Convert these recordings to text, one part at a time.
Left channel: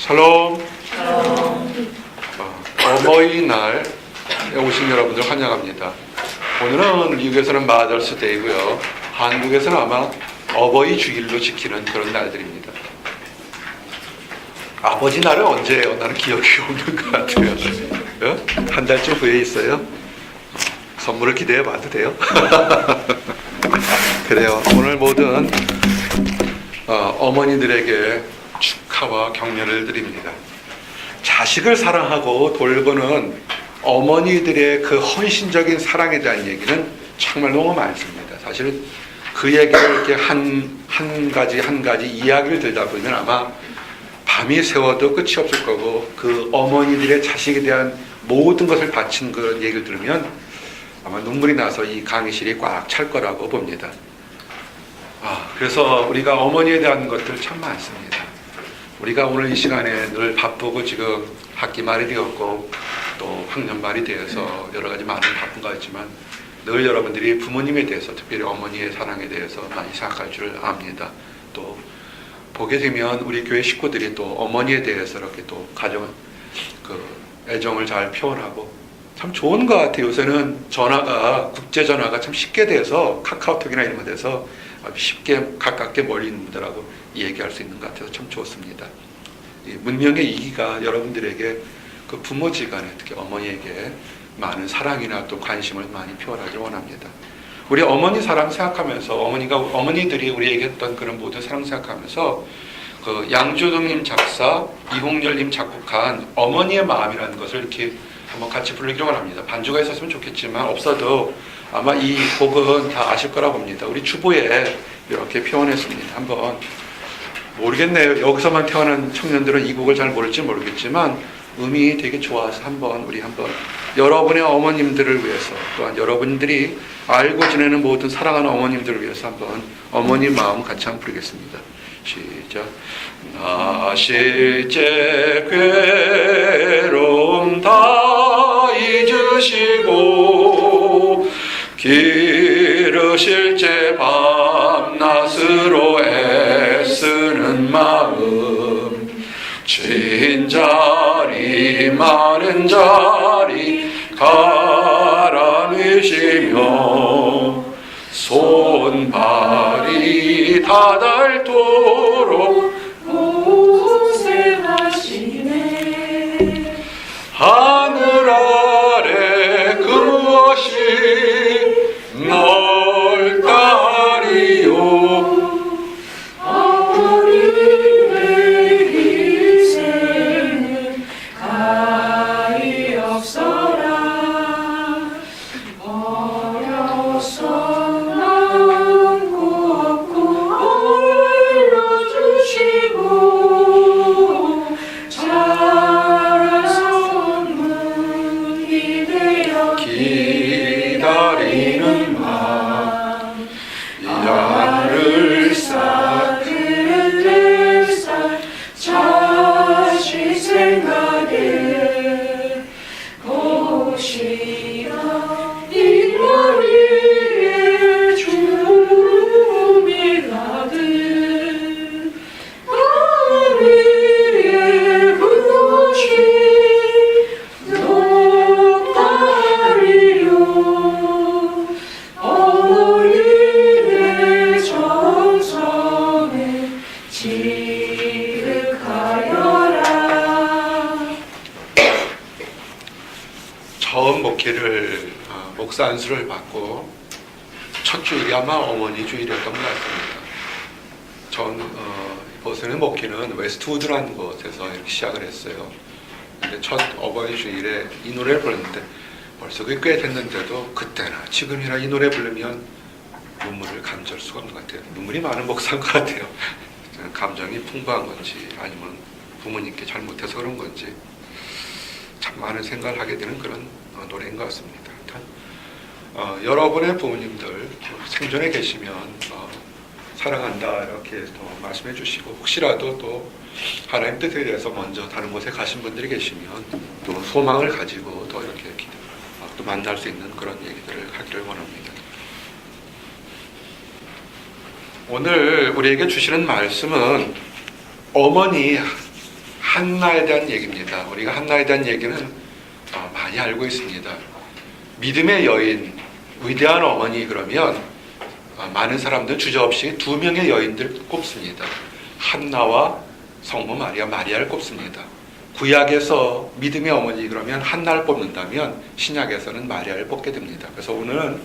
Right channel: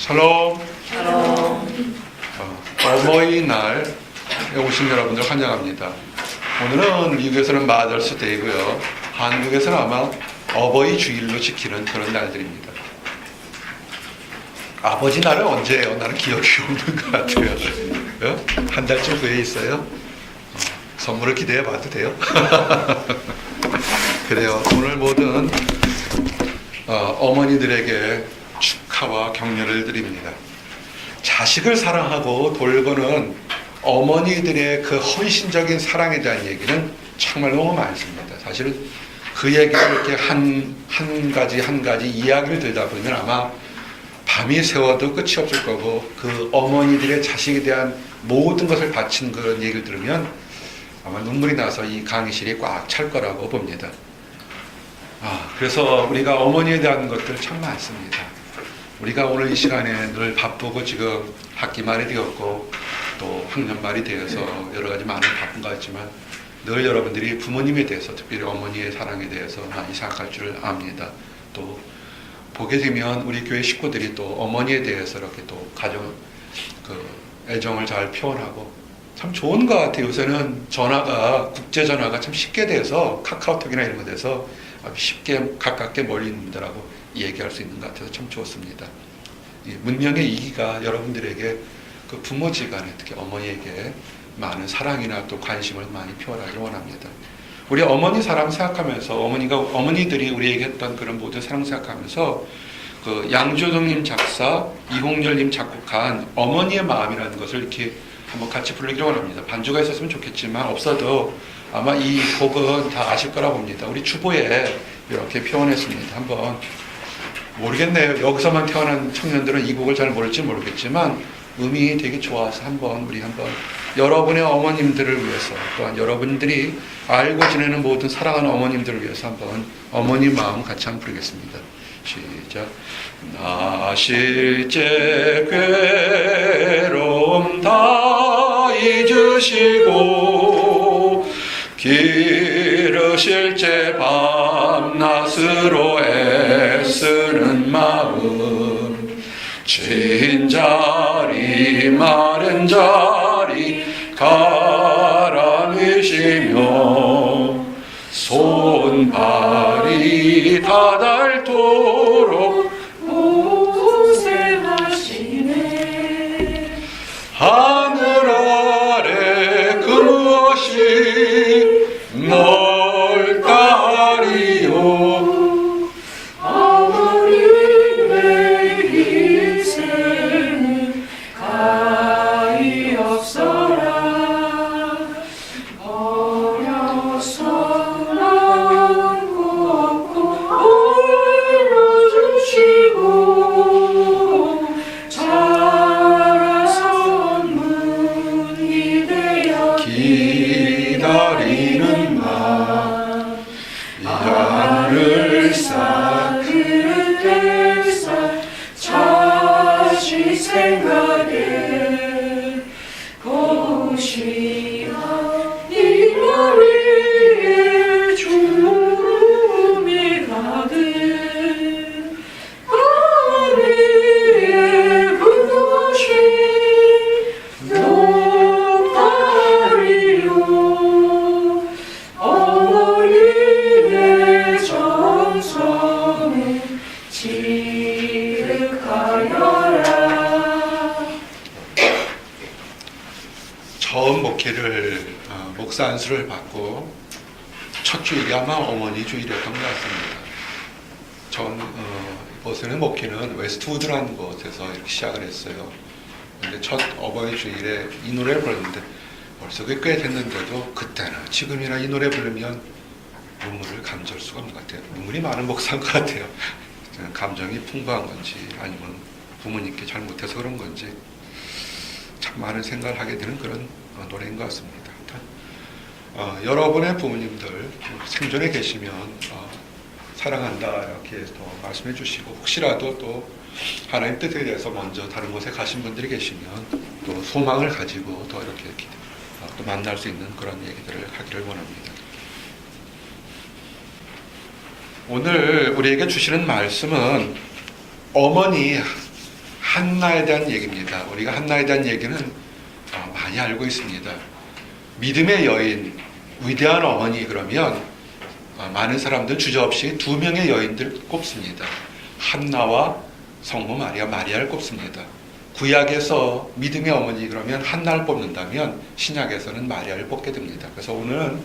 샬롬. 어버이날에 오신 여러분들 환영합니다. 오늘은 미국에서는 마더스 데이고요. 한국에서는 아마 어버이 주일로 지키는 그런 날들입니다. 아버지 날은 언제예요? 나는 기억이 없는 것 같아요. 한 달쯤 후에 있어요. 선물을 기대해 봐도 돼요? 그래요. 오늘 모든 어머니들에게 축하와 격려를 드립니다. 자식을 사랑하고 돌보는 어머니들의 그 헌신적인 사랑에 대한 얘기는 정말 너무 많습니다. 사실 그 얘기를 이렇게 한 가지 이야기를 들다 보면 아마 밤이 새워도 끝이 없을 거고, 그 어머니들의 자식에 대한 모든 것을 바친 그런 얘기를 들으면 아마 눈물이 나서 이 강의실이 꽉 찰 거라고 봅니다. 그래서 우리가 어머니에 대한 것들 참 많습니다. 우리가 오늘 이 시간에 늘 바쁘고 지금 학기 말이 되었고 또 학년 말이 되어서 여러 가지 많은 바쁜 것 같지만 늘 여러분들이 부모님에 대해서, 특별히 어머니의 사랑에 대해서 많이 생각할 줄 압니다. 또 보게 되면 우리 교회 식구들이 또 어머니에 대해서 이렇게 또 가정 애정을 잘 표현하고 참 좋은 것 같아요. 요새는 국제 전화가 참 쉽게 돼서 카카오톡이나 이런 거 돼서 쉽게 가깝게 멀리 있는 분들하고 얘기할 수 있는 것 같아서 참 좋습니다. 문명의 이기가 여러분들에게 그 부모지간에, 특히 어머니에게 많은 사랑이나 또 관심을 많이 표현하기를 원합니다. 우리 어머니 사랑 생각하면서 어머니들이 우리에게 했던 그런 모든 사랑 생각하면서 그 양조동님 작사, 이홍렬님 작곡한 어머니의 마음이라는 것을 이렇게 한번 같이 부르기를 원합니다. 반주가 있었으면 좋겠지만 없어도 아마 이 곡은 다 아실 거라 봅니다. 우리 주보에 이렇게 표현했습니다. 한번 모르겠네요. 여기서만 태어난 청년들은 이 곡을 잘 모를지 모르겠지만 음이 되게 좋아서 우리 한번 여러분의 어머님들을 위해서, 또한 여러분들이 알고 지내는 모든 사랑하는 어머님들을 위해서 한번 어머니 마음 같이 한번 부르겠습니다. 시작. 나 실제 괴로움 다 잊으시고 기르실 제 밤낮으로 애쓰는 마음, 진 자리 마른 자리 가라앉으시며 손발이 다닳도록 고생하시네. 하늘 아래 그 무엇이 넓다리요. 어머니의 인생은 가히 없어라. 어려서 남고 없고 올려주시고 자라서 문이 되어 기다리는 마음, 야를 쌓 그릇을 쌓 자식 생각에 고시나 이마 위에 주름이 가득 그 위에 그것이 높다리요. 어머니의 정성에 지극하여라. 처음 목사 안수를 받고 첫 주일이 아마 어머니 주일이었던 것 같습니다. 이곳에는 목회는 웨스트우드라는 곳에서 이렇게 시작을 했어요. 근데 첫 어버이 주일에 이 노래를 불렀는데 벌써 그게 꽤 됐는데도 그때나 지금이나 이 노래 부르면 눈물을 감출 수가 없는 것 같아요. 눈물이 많은 목사인 것 같아요. 감정이 풍부한 건지 아니면 부모님께 잘못해서 그런 건지 참 많은 생각을 하게 되는 그런 노래인 것 같습니다. 여러분의 부모님들 생존에 계시면 사랑한다 이렇게 또 말씀해 주시고, 혹시라도 또 하나님 뜻에 대해서 먼저 다른 곳에 가신 분들이 계시면 또 소망을 가지고 더 이렇게 또 만날 수 있는 그런 얘기들을 하기를 원합니다. 오늘 우리에게 주시는 말씀은 어머니 한나에 대한 얘기입니다. 우리가 한나에 대한 얘기는 많이 알고 있습니다. 믿음의 여인, 위대한 어머니 그러면 많은 사람들 주저없이 두 명의 여인들 꼽습니다. 한나와 성모 마리아, 마리아를 꼽습니다. 구약에서 믿음의 어머니 그러면 한나를 뽑는다면 신약에서는 마리아를 뽑게 됩니다. 그래서 오늘은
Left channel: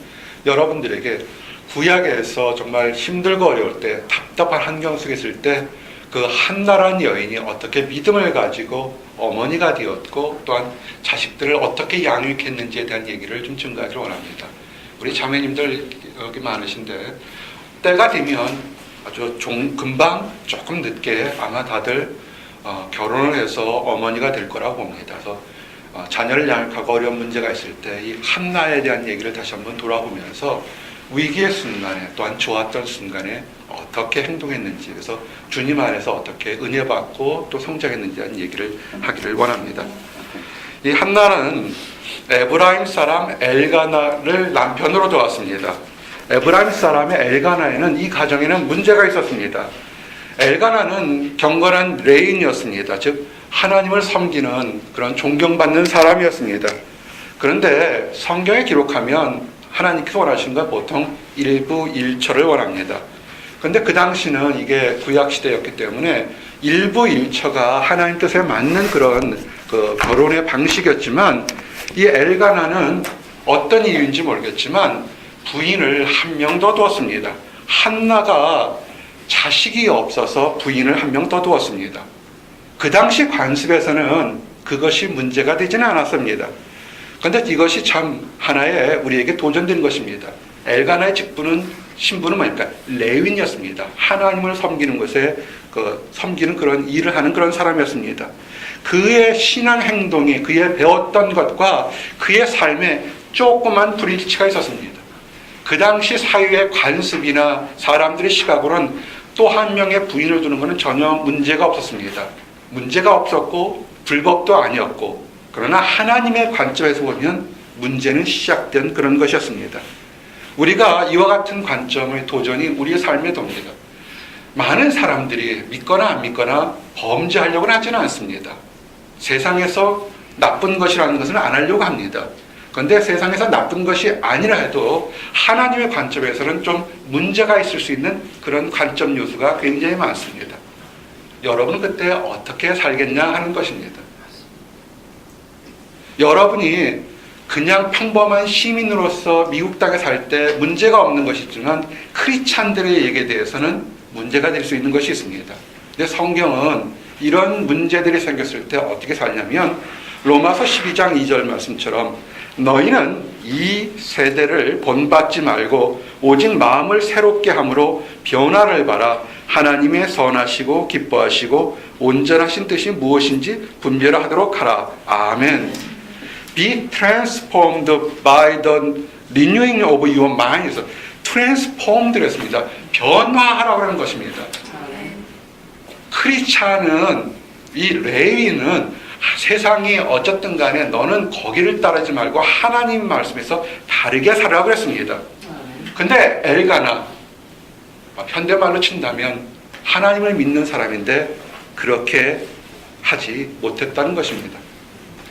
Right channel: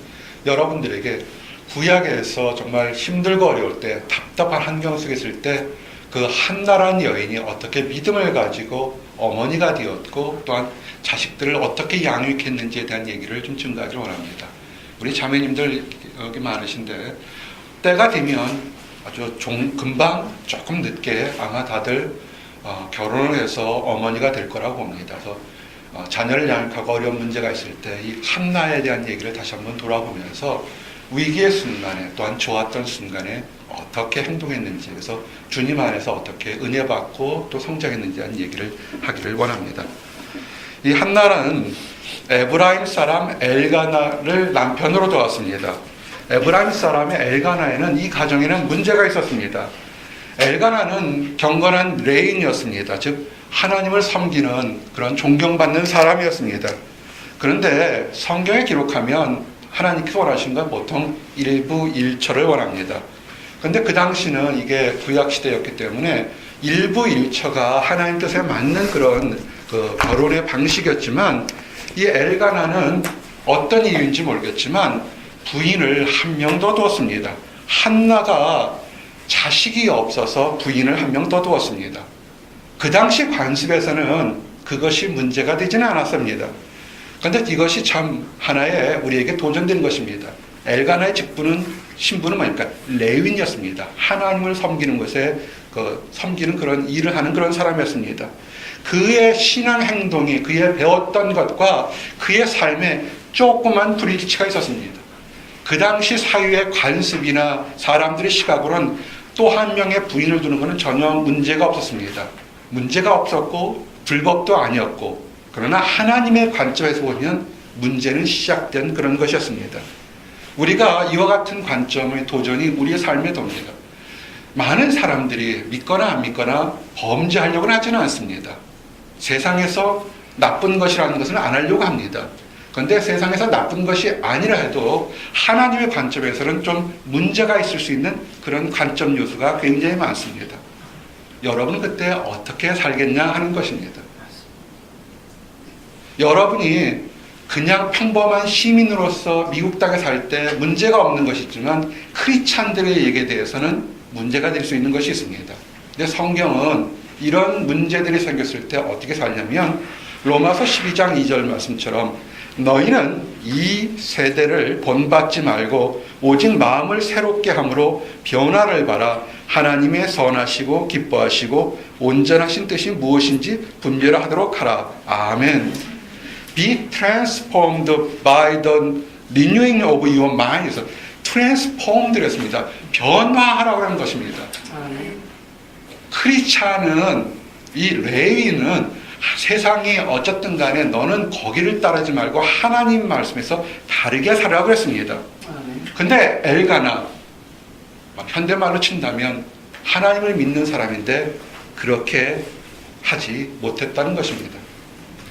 여러분들에게 구약에서 정말 힘들고 어려울 때, 답답한 환경 속에 있을 때 그 한나라는 여인이 어떻게 믿음을 가지고 어머니가 되었고 또한 자식들을 어떻게 양육했는지에 대한 얘기를 좀 증가하기를 원합니다. 우리 자매님들 여기 많으신데 때가 되면 아주 금방 조금 늦게 아마 다들 결혼을 해서 어머니가 될 거라고 봅니다. 그래서 자녀를 양육하고 어려운 문제가 있을 때 이 한나에 대한 얘기를 다시 한번 돌아보면서 위기의 순간에 또한 좋았던 순간에 어떻게 행동했는지, 그래서 주님 안에서 어떻게 은혜 받고 또 성장했는지 하는 얘기를 하기를 원합니다. 이 한나는 에브라임 사람 엘가나를 남편으로 두었습니다. 에브라임 사람의 엘가나에는 이 가정에는 문제가 있었습니다. 엘가나는 경건한 레인이었습니다. 즉 하나님을 섬기는 그런 존경받는 사람이었습니다. 그런데 성경에 기록하면 하나님께서 원하시는 건 보통 일부 일처를 원합니다. 그런데 그 당시는 이게 구약 시대였기 때문에 일부 일처가 하나님 뜻에 맞는 그런 결혼의 방식이었지만 이 엘가나는 어떤 이유인지 모르겠지만 부인을 한 명 더 두었습니다. 한나가 자식이 없어서 부인을 한 명 더 두었습니다. 그 당시 관습에서는 그것이 문제가 되지는 않았습니다. 그런데 이것이 참 하나의 우리에게 도전된 것입니다. 엘가나의 신분은 뭐니까 레윈이었습니다. 하나님을 섬기는 것에 섬기는 그런 일을 하는 그런 사람이었습니다. 그의 신앙 행동이 그의 배웠던 것과 그의 삶에 조그만 불일치가 있었습니다. 그 당시 사회의 관습이나 사람들의 시각으로는 또 한 명의 부인을 두는 것은 전혀 문제가 없었습니다. 문제가 없었고 불법도 아니었고, 그러나 하나님의 관점에서 보면 문제는 시작된 그런 것이었습니다. 우리가 이와 같은 관점의 도전이 우리의 삶에 돕니다. 많은 사람들이 믿거나 안 믿거나 범죄하려고는 하지는 않습니다. 세상에서 나쁜 것이라는 것은 안 하려고 합니다. 그런데 세상에서 나쁜 것이 아니라 해도 하나님의 관점에서는 좀 문제가 있을 수 있는 그런 관점 요소가 굉장히 많습니다. 여러분은 그때 어떻게 살겠냐 하는 것입니다. 여러분이 그냥 평범한 시민으로서 미국 땅에 살 때 문제가 없는 것이지만 크리스찬들의 얘기에 대해서는 문제가 될 수 있는 것이 있습니다. 근데 성경은 이런 문제들이 생겼을 때 어떻게 살냐면 로마서 12장 2절 말씀처럼 너희는 이 세대를 본받지 말고 오직 마음을 새롭게 함으로 변화를 바라 하나님의 선하시고 기뻐하시고 온전하신 뜻이 무엇인지 분별하도록 하라. 아멘. Be transformed by the renewing of your mind. transformed 했습니다. 변화하라고 하는 것입니다. 크리스찬은, 이 레위는 세상이 어쨌든 간에 너는 거기를 따르지 말고 하나님 말씀에서 다르게 살아라고 했습니다. 근데 엘가나, 현대말로 친다면 하나님을 믿는 사람인데 그렇게 하지 못했다는 것입니다.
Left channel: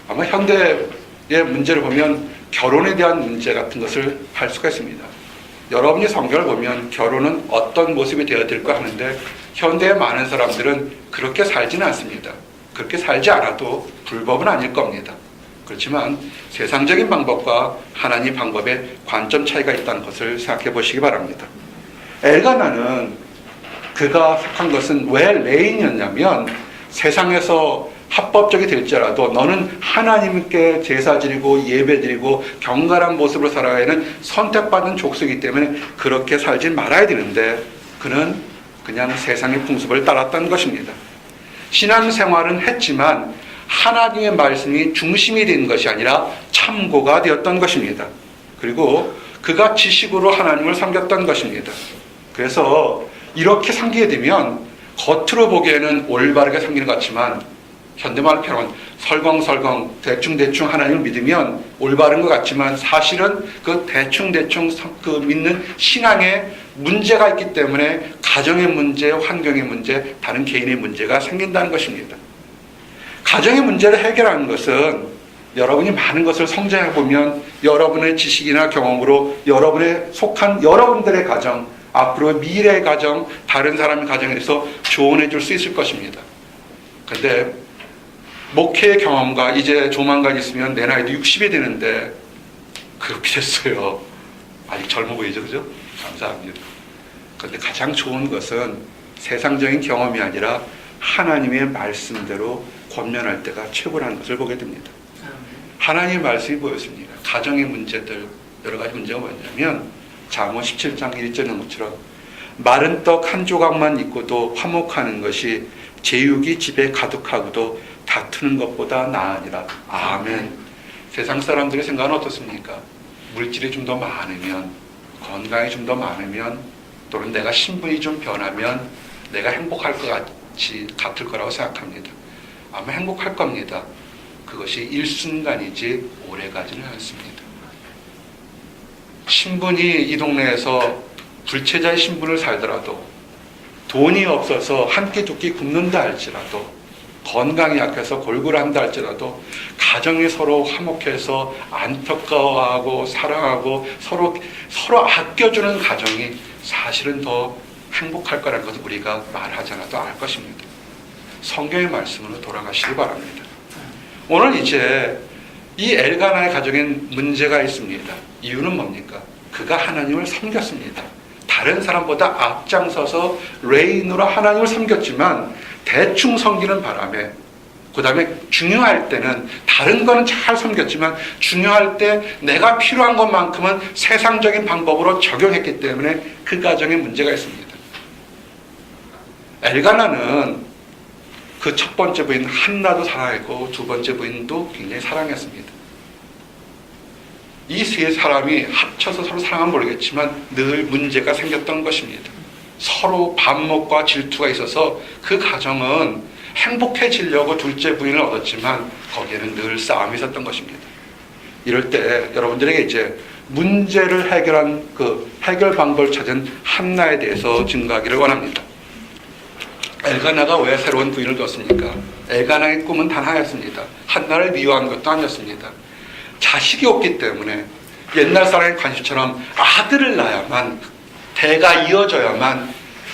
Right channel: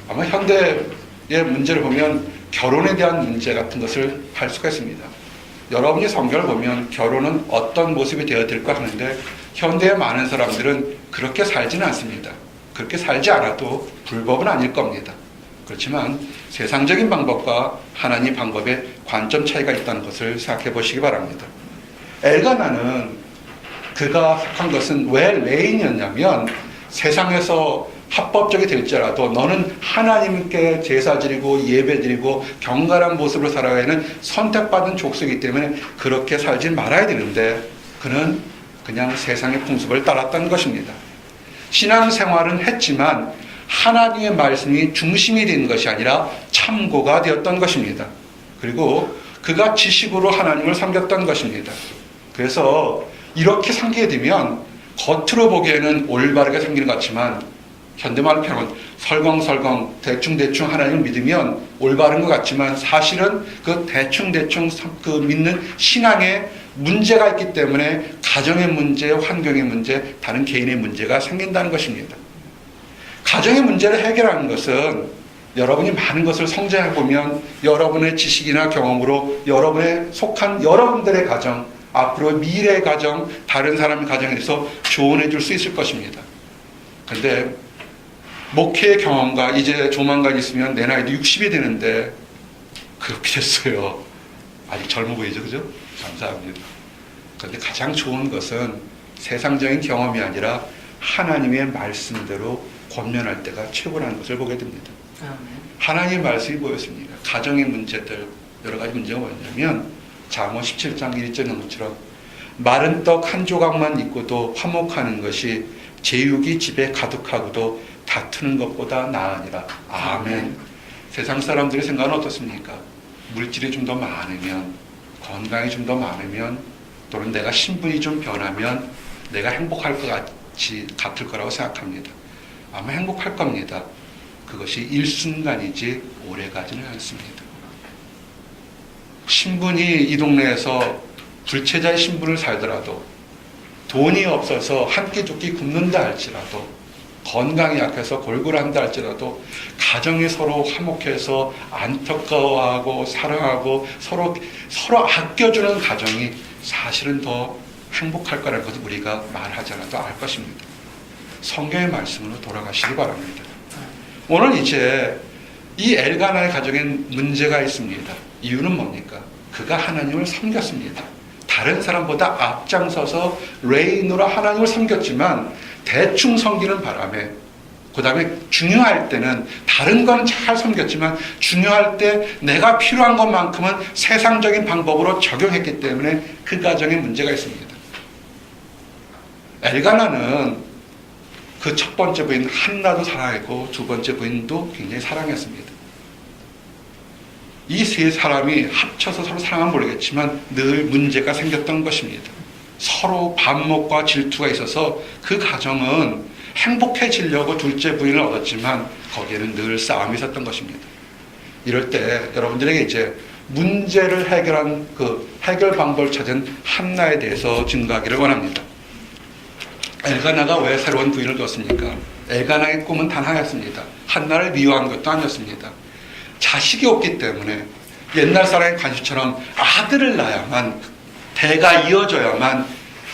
아마 현대의 문제를 보면 결혼에 대한 문제 같은 것을 할 수가 있습니다. 여러분이 성경을 보면 결혼은 어떤 모습이 되어야 될까 하는데 현대의 많은 사람들은 그렇게 살지는 않습니다. 그렇게 살지 않아도 불법은 아닐 겁니다. 그렇지만 세상적인 방법과 하나님 방법의 관점 차이가 있다는 것을 생각해 보시기 바랍니다. 엘가나는 그가 한 것은 왜 레인이었냐면 세상에서 합법적이 될지라도 너는 하나님께 제사 드리고 예배 드리고 경건한 모습으로 살아가야 하는 선택받은 족속이기 때문에 그렇게 살지 말아야 되는데 그는 그냥 세상의 풍습을 따랐던 것입니다. 신앙생활은 했지만 하나님의 말씀이 중심이 된 것이 아니라 참고가 되었던 것입니다. 그리고 그가 지식으로 하나님을 섬겼던 것입니다. 그래서 이렇게 섬기게 되면 겉으로 보기에는 올바르게 섬기는 것 같지만 현대말로 표현하면 설렁설렁 대충대충 하나님을 믿으면 올바른 것 같지만 사실은 그 대충대충 그 믿는 신앙에 문제가 있기 때문에 가정의 문제, 환경의 문제, 다른 개인의 문제가 생긴다는 것입니다. 가정의 문제를 해결하는 것은 여러분이 많은 것을 성장해 보면 여러분의 지식이나 경험으로 여러분의 속한 여러분들의 가정, 앞으로 미래의 가정, 다른 사람의 가정에서 조언해 줄 수 있을 것입니다. 근데 목회의 경험과 이제 조만간 있으면 내 나이도 60이 되는데 그렇게 됐어요. 아직 젊어 보이죠, 그죠? 감사합니다. 그런데 가장 좋은 것은 세상적인 경험이 아니라 하나님의 말씀대로 권면할 때가 최고라는 것을 보게 됩니다. 하나님의 말씀이 보였습니다. 가정의 문제들, 여러 가지 문제가 뭐냐면 잠언 17장 1절에 나온 것처럼 마른 떡 한 조각만 있고도 화목하는 것이 제육이 집에 가득하고도 다투는 것보다 나으니라. 아멘. 세상 사람들의 생각은 어떻습니까? 물질이 좀 더 많으면, 건강이 좀 더 많으면, 또는 내가 신분이 좀 변하면 내가 행복할 것 같을 거라고 생각합니다. 아마 행복할 겁니다. 그것이 일순간이지 오래가지는 않습니다. 신분이 이 동네에서 불체자의 신분을 살더라도, 돈이 없어서 한 끼 두 끼 굶는다 할지라도, 건강이 약해서 골골한다 할지라도 가정이 서로 화목해서 안타까워하고 사랑하고 서로 아껴주는 가정이 사실은 더 행복할 거라는 것을 우리가 말하지 않아도 알 것입니다. 성경의 말씀으로 돌아가시기 바랍니다. 오늘 이제 이 엘가나의 가정엔 문제가 있습니다. 이유는 뭡니까? 그가 하나님을 섬겼습니다. 다른 사람보다 앞장서서 레인으로 하나님을 섬겼지만 대충 섬기는 바람에, 그 다음에 중요할 때는 다른 거는 잘 섬겼지만 중요할 때 내가 필요한 것만큼은 세상적인 방법으로 적용했기 때문에 그 가정에 문제가 있습니다. 엘가나는 그 첫 번째 부인 한나도 사랑했고 두 번째 부인도 굉장히 사랑했습니다. 이 세 사람이 합쳐서 서로 사랑하면 모르겠지만 늘 문제가 생겼던 것입니다. 서로 반목과 질투가 있어서 그 가정은 행복해지려고 둘째 부인을 얻었지만 거기에는 늘 싸움이 있었던 것입니다. 이럴 때 여러분들에게 이제 문제를 해결한 그 해결 방법을 찾은 한나에 대해서 증거하기를 원합니다. 엘가나가 왜 새로운 부인을 뒀습니까? 엘가나의 꿈은 단 하나였습니다. 한나를 미워한 것도 아니었습니다. 자식이 없기 때문에 옛날 사람의 관심처럼 아들을 낳아야만, 대가 이어져야만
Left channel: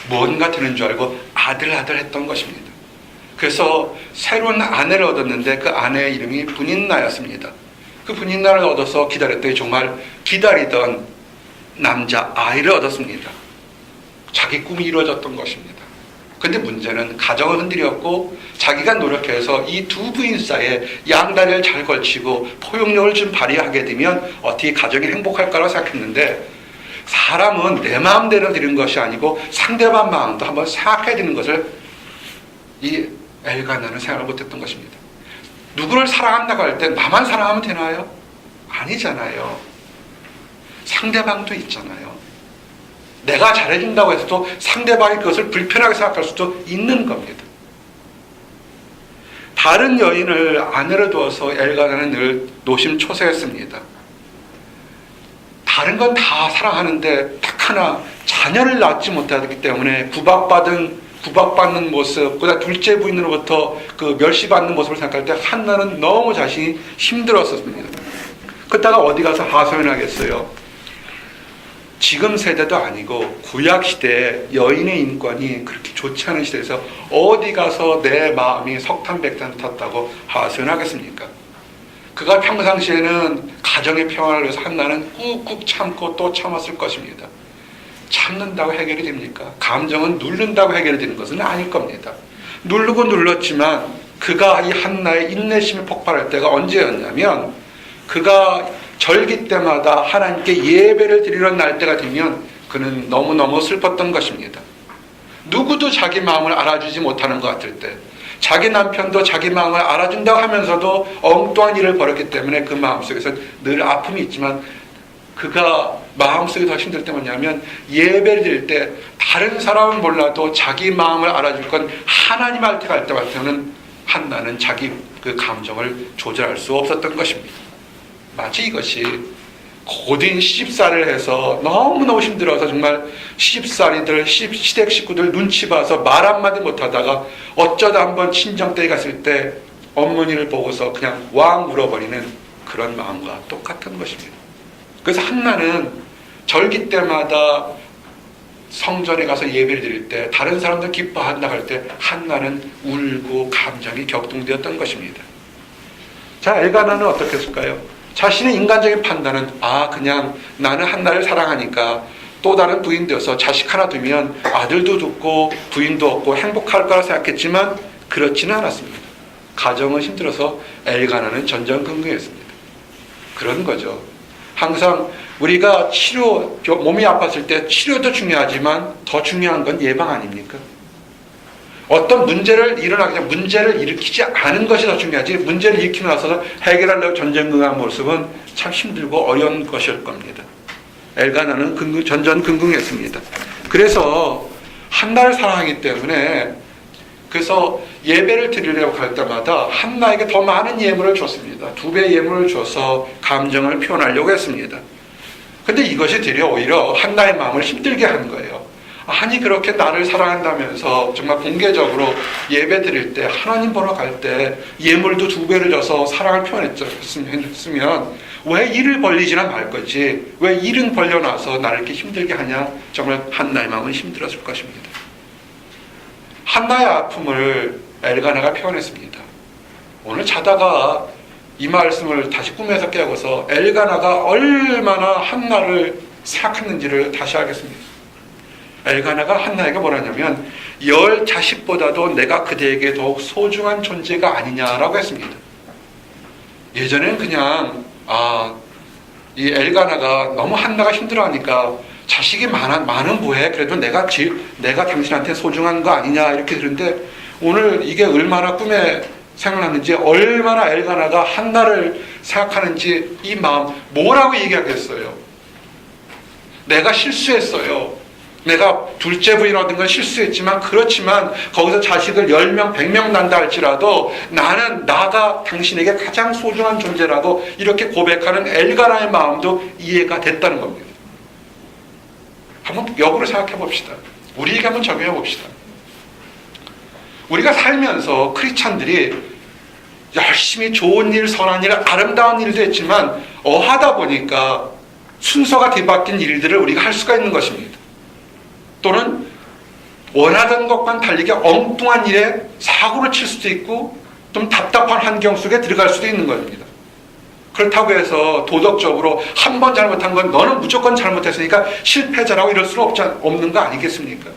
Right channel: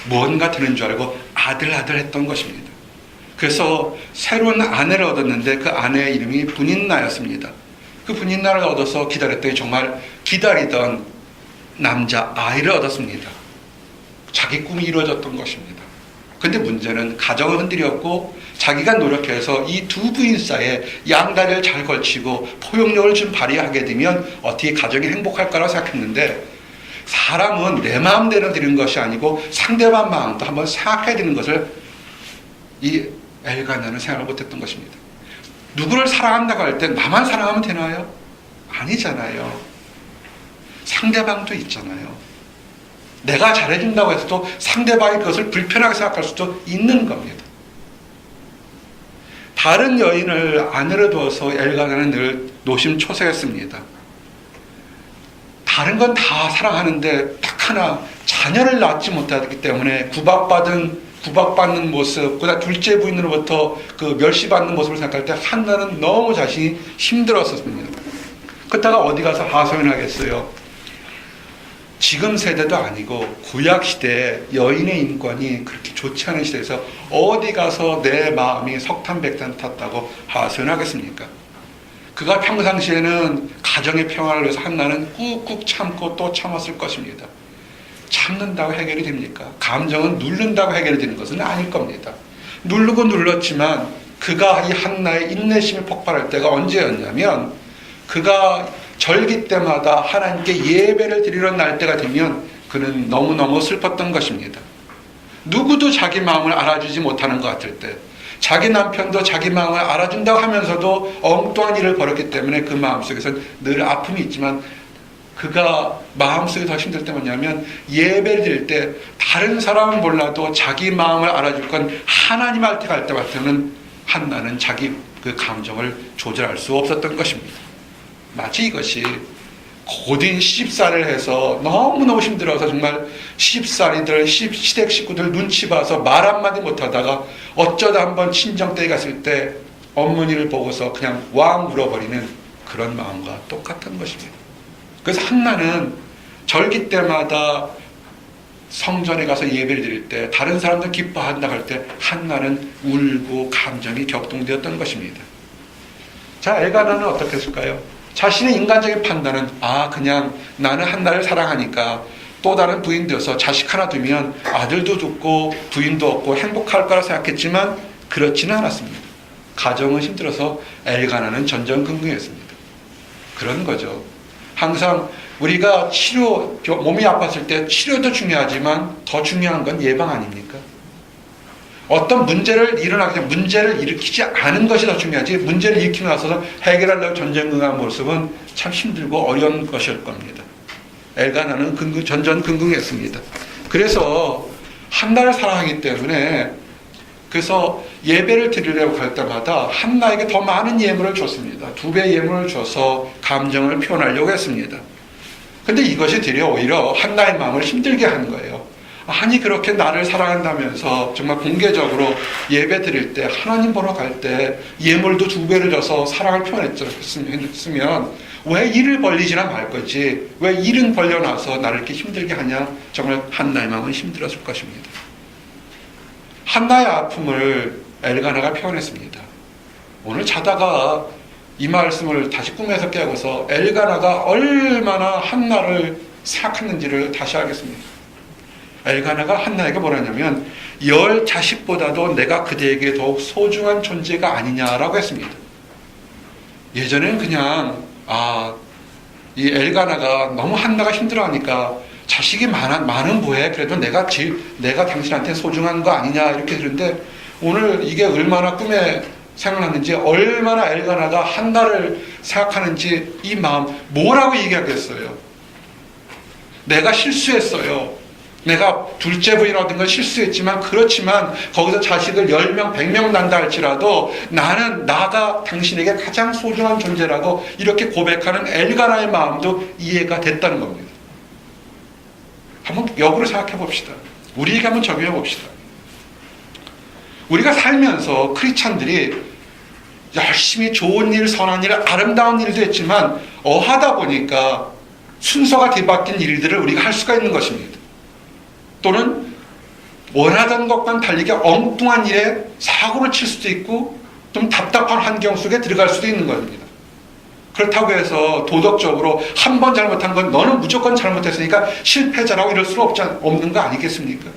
뭔가 되는 줄 알고 아들 했던 것입니다. 그래서 새로운 아내를 얻었는데 그 아내의 이름이 분인나였습니다. 그 분인나를 얻어서 기다렸더니 정말 기다리던 남자 아이를 얻었습니다. 자기 꿈이 이루어졌던 것입니다. 근데 문제는 가정을 흔들렸고 자기가 노력해서 이 두 부인 사이에 양다리를 잘 걸치고 포용력을 좀 발휘하게 되면 어떻게 가정이 행복할 거라고 생각했는데, 사람은 내 마음대로 되는 것이 아니고 상대방 마음도 한번 생각해야 되는 것을 이 엘가나는 생각을 못했던 것입니다. 누구를 사랑한다고 할 때 나만 사랑하면 되나요? 아니잖아요. 상대방도 있잖아요. 내가 잘해준다고 해서도 상대방이 그것을 불편하게 생각할 수도 있는 겁니다. 다른 여인을 아내로 두어서 엘가나는 늘 노심초사했습니다. 다른 건 다 사랑하는데 딱 하나 자녀를 낳지 못하기 때문에 구박받는 모습, 그다음 둘째 부인으로부터 그 멸시받는 모습을 생각할 때 한나는 너무 자신이 힘들었었습니다. 그러다가 어디 가서 하소연하겠어요? 지금 세대도 아니고 구약 시대에 여인의 인권이 그렇게 좋지 않은 시대에서 어디 가서 내 마음이 석탄백탄 탔다고 하소연하겠습니까? 그가 평상시에는 가정의 평화를 위해서 한나는 꾹꾹 참고 또 참았을 것입니다. 참는다고 해결이 됩니까? 감정은 누른다고 해결이 되는 것은 아닐 겁니다. 누르고 눌렀지만 그가 이 한나의 인내심이 폭발할 때가 언제였냐면, 그가 절기 때마다 하나님께 예배를 드리러 날 때가 되면 그는 너무너무 슬펐던 것입니다. 누구도 자기 마음을 알아주지 못하는 것 같을 때, 자기 남편도 자기 마음을 알아준다고 하면서도 엉뚱한 일을 벌였기 때문에 그 마음속에서는 늘 아픔이 있지만, 그가 마음속에 더 힘들 때 뭐냐면 예배를 드릴 때 다른 사람은 몰라도 자기 마음을 알아줄 건 하나님 할 때 갈 때마다는 한나는 자기 그 감정을 조절할 수 없었던 것입니다. 마치 이것이 고된 시집살이를 해서 너무너무 힘들어서 정말 시집살이들, 시댁 식구들 눈치 봐서 말 한마디 못하다가 어쩌다 한번 친정댁에 갔을 때 어머니를 보고서 그냥 왕 울어버리는 그런 마음과 똑같은 것입니다. 그래서 한나는 절기 때마다 성전에 가서 예배를 드릴 때 다른 사람들 기뻐한다 할 때 한나는 울고 감정이 격동되었던 것입니다. 자, 엘가나는 어떻게 했을까요? 자신의 인간적인 판단은 그냥 나는 한나를 사랑하니까 또 다른 부인 되어서 자식 하나 두면 아들도 죽고 부인도 없고 행복할 거라 생각했지만 그렇지는 않았습니다. 가정은 힘들어서 엘가나는 전전긍긍했습니다. 그런 거죠. 항상 우리가 몸이 아팠을 때 치료도 중요하지만 더 중요한 건 예방 아닙니까? 어떤 문제를 일으키지 않은 것이 더 중요하지 문제를 일으키고 나서 해결하려고 전전긍긍한 모습은 참 힘들고 어려운 것일 겁니다. 엘가나는 전전긍긍했습니다. 그래서 한나를 사랑하기 때문에 그래서 예배를 드리려고 할 때마다 한나에게 더 많은 예물을 줬습니다. 2배 예물을 줘서 감정을 표현하려고 했습니다. 근데 이것이 오히려 한나의 마음을 힘들게 한 거예요. 아니 그렇게 나를 사랑한다면서 정말 공개적으로 예배 드릴 때 하나님 보러 갈 때 예물도 2배를 줘서 사랑을 표현했으면 왜 일을 벌리지나 말 거지 왜 일은 벌려놔서 나를 이렇게 힘들게 하냐. 정말 한나의 마음은 힘들었을 것입니다. 한나의 아픔을 엘가나가 표현했습니다. 오늘 자다가 이 말씀을 다시 꿈에서 깨고서 엘가나가 얼마나 한나를 생각했는지를 다시 알겠습니다. 엘가나가 한나에게 뭐라냐면 10 자식보다도 내가 그대에게 더욱 소중한 존재가 아니냐라고 했습니다. 예전에는 그냥 이 엘가나가 너무 한나가 힘들어하니까 자식이 많은 뭐해? 그래도 내가 당신한테 소중한 거 아니냐 이렇게 들은데 오늘 이게 얼마나 꿈에 생각났는지 얼마나 엘가나가 한나를 생각하는지 이 마음 뭐라고 얘기하겠어요? 내가 실수했어요. 내가 둘째 부인 얻은 건 실수했지만 그렇지만 거기서 자식을 10명 100명 난다 할지라도 나는 나가 당신에게 가장 소중한 존재라고 이렇게 고백하는 엘가나의 마음도 이해가 됐다는 겁니다. 한번 역으로 생각해 봅시다. 우리에게 한번 적용해 봅시다. 우리가 살면서 크리스찬들이 열심히 좋은 일, 선한 일, 아름다운 일도 했지만 어하다 보니까 순서가 뒤바뀐 일들을 우리가 할 수가 있는 것입니다. 또는 원하던 것과는 달리게 엉뚱한 일에 사고를 칠 수도 있고 좀 답답한 환경 속에 들어갈 수도 있는 겁니다. 그렇다고 해서 도덕적으로 한 번 잘못한 건 너는 무조건 잘못했으니까 실패자라고 이럴 수 없는 거 아니겠습니까?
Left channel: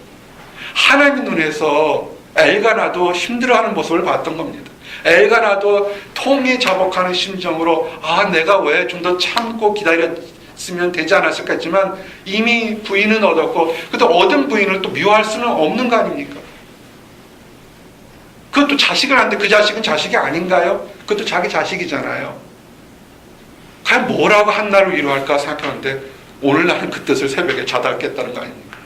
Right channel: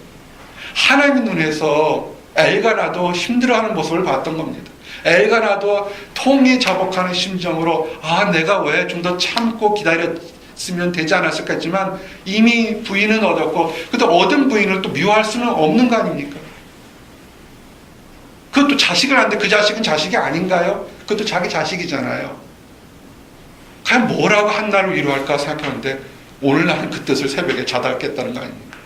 하나님의 눈에서 엘가나도 힘들어하는 모습을 봤던 겁니다. 엘가나도 통이 자복하는 심정으로 내가 왜 좀 더 참고 기다렸으면 되지 않았을까 했지만 이미 부인은 얻었고 그것도 얻은 부인을 또 미워할 수는 없는 거 아닙니까? 그것도 자식을 하는데 그 자식은 자식이 아닌가요? 그것도 자기 자식이잖아요. 과연 뭐라고 한나를 위로할까 생각하는데 오늘 나는 그 뜻을 새벽에 자다 깼다는 거 아닙니까?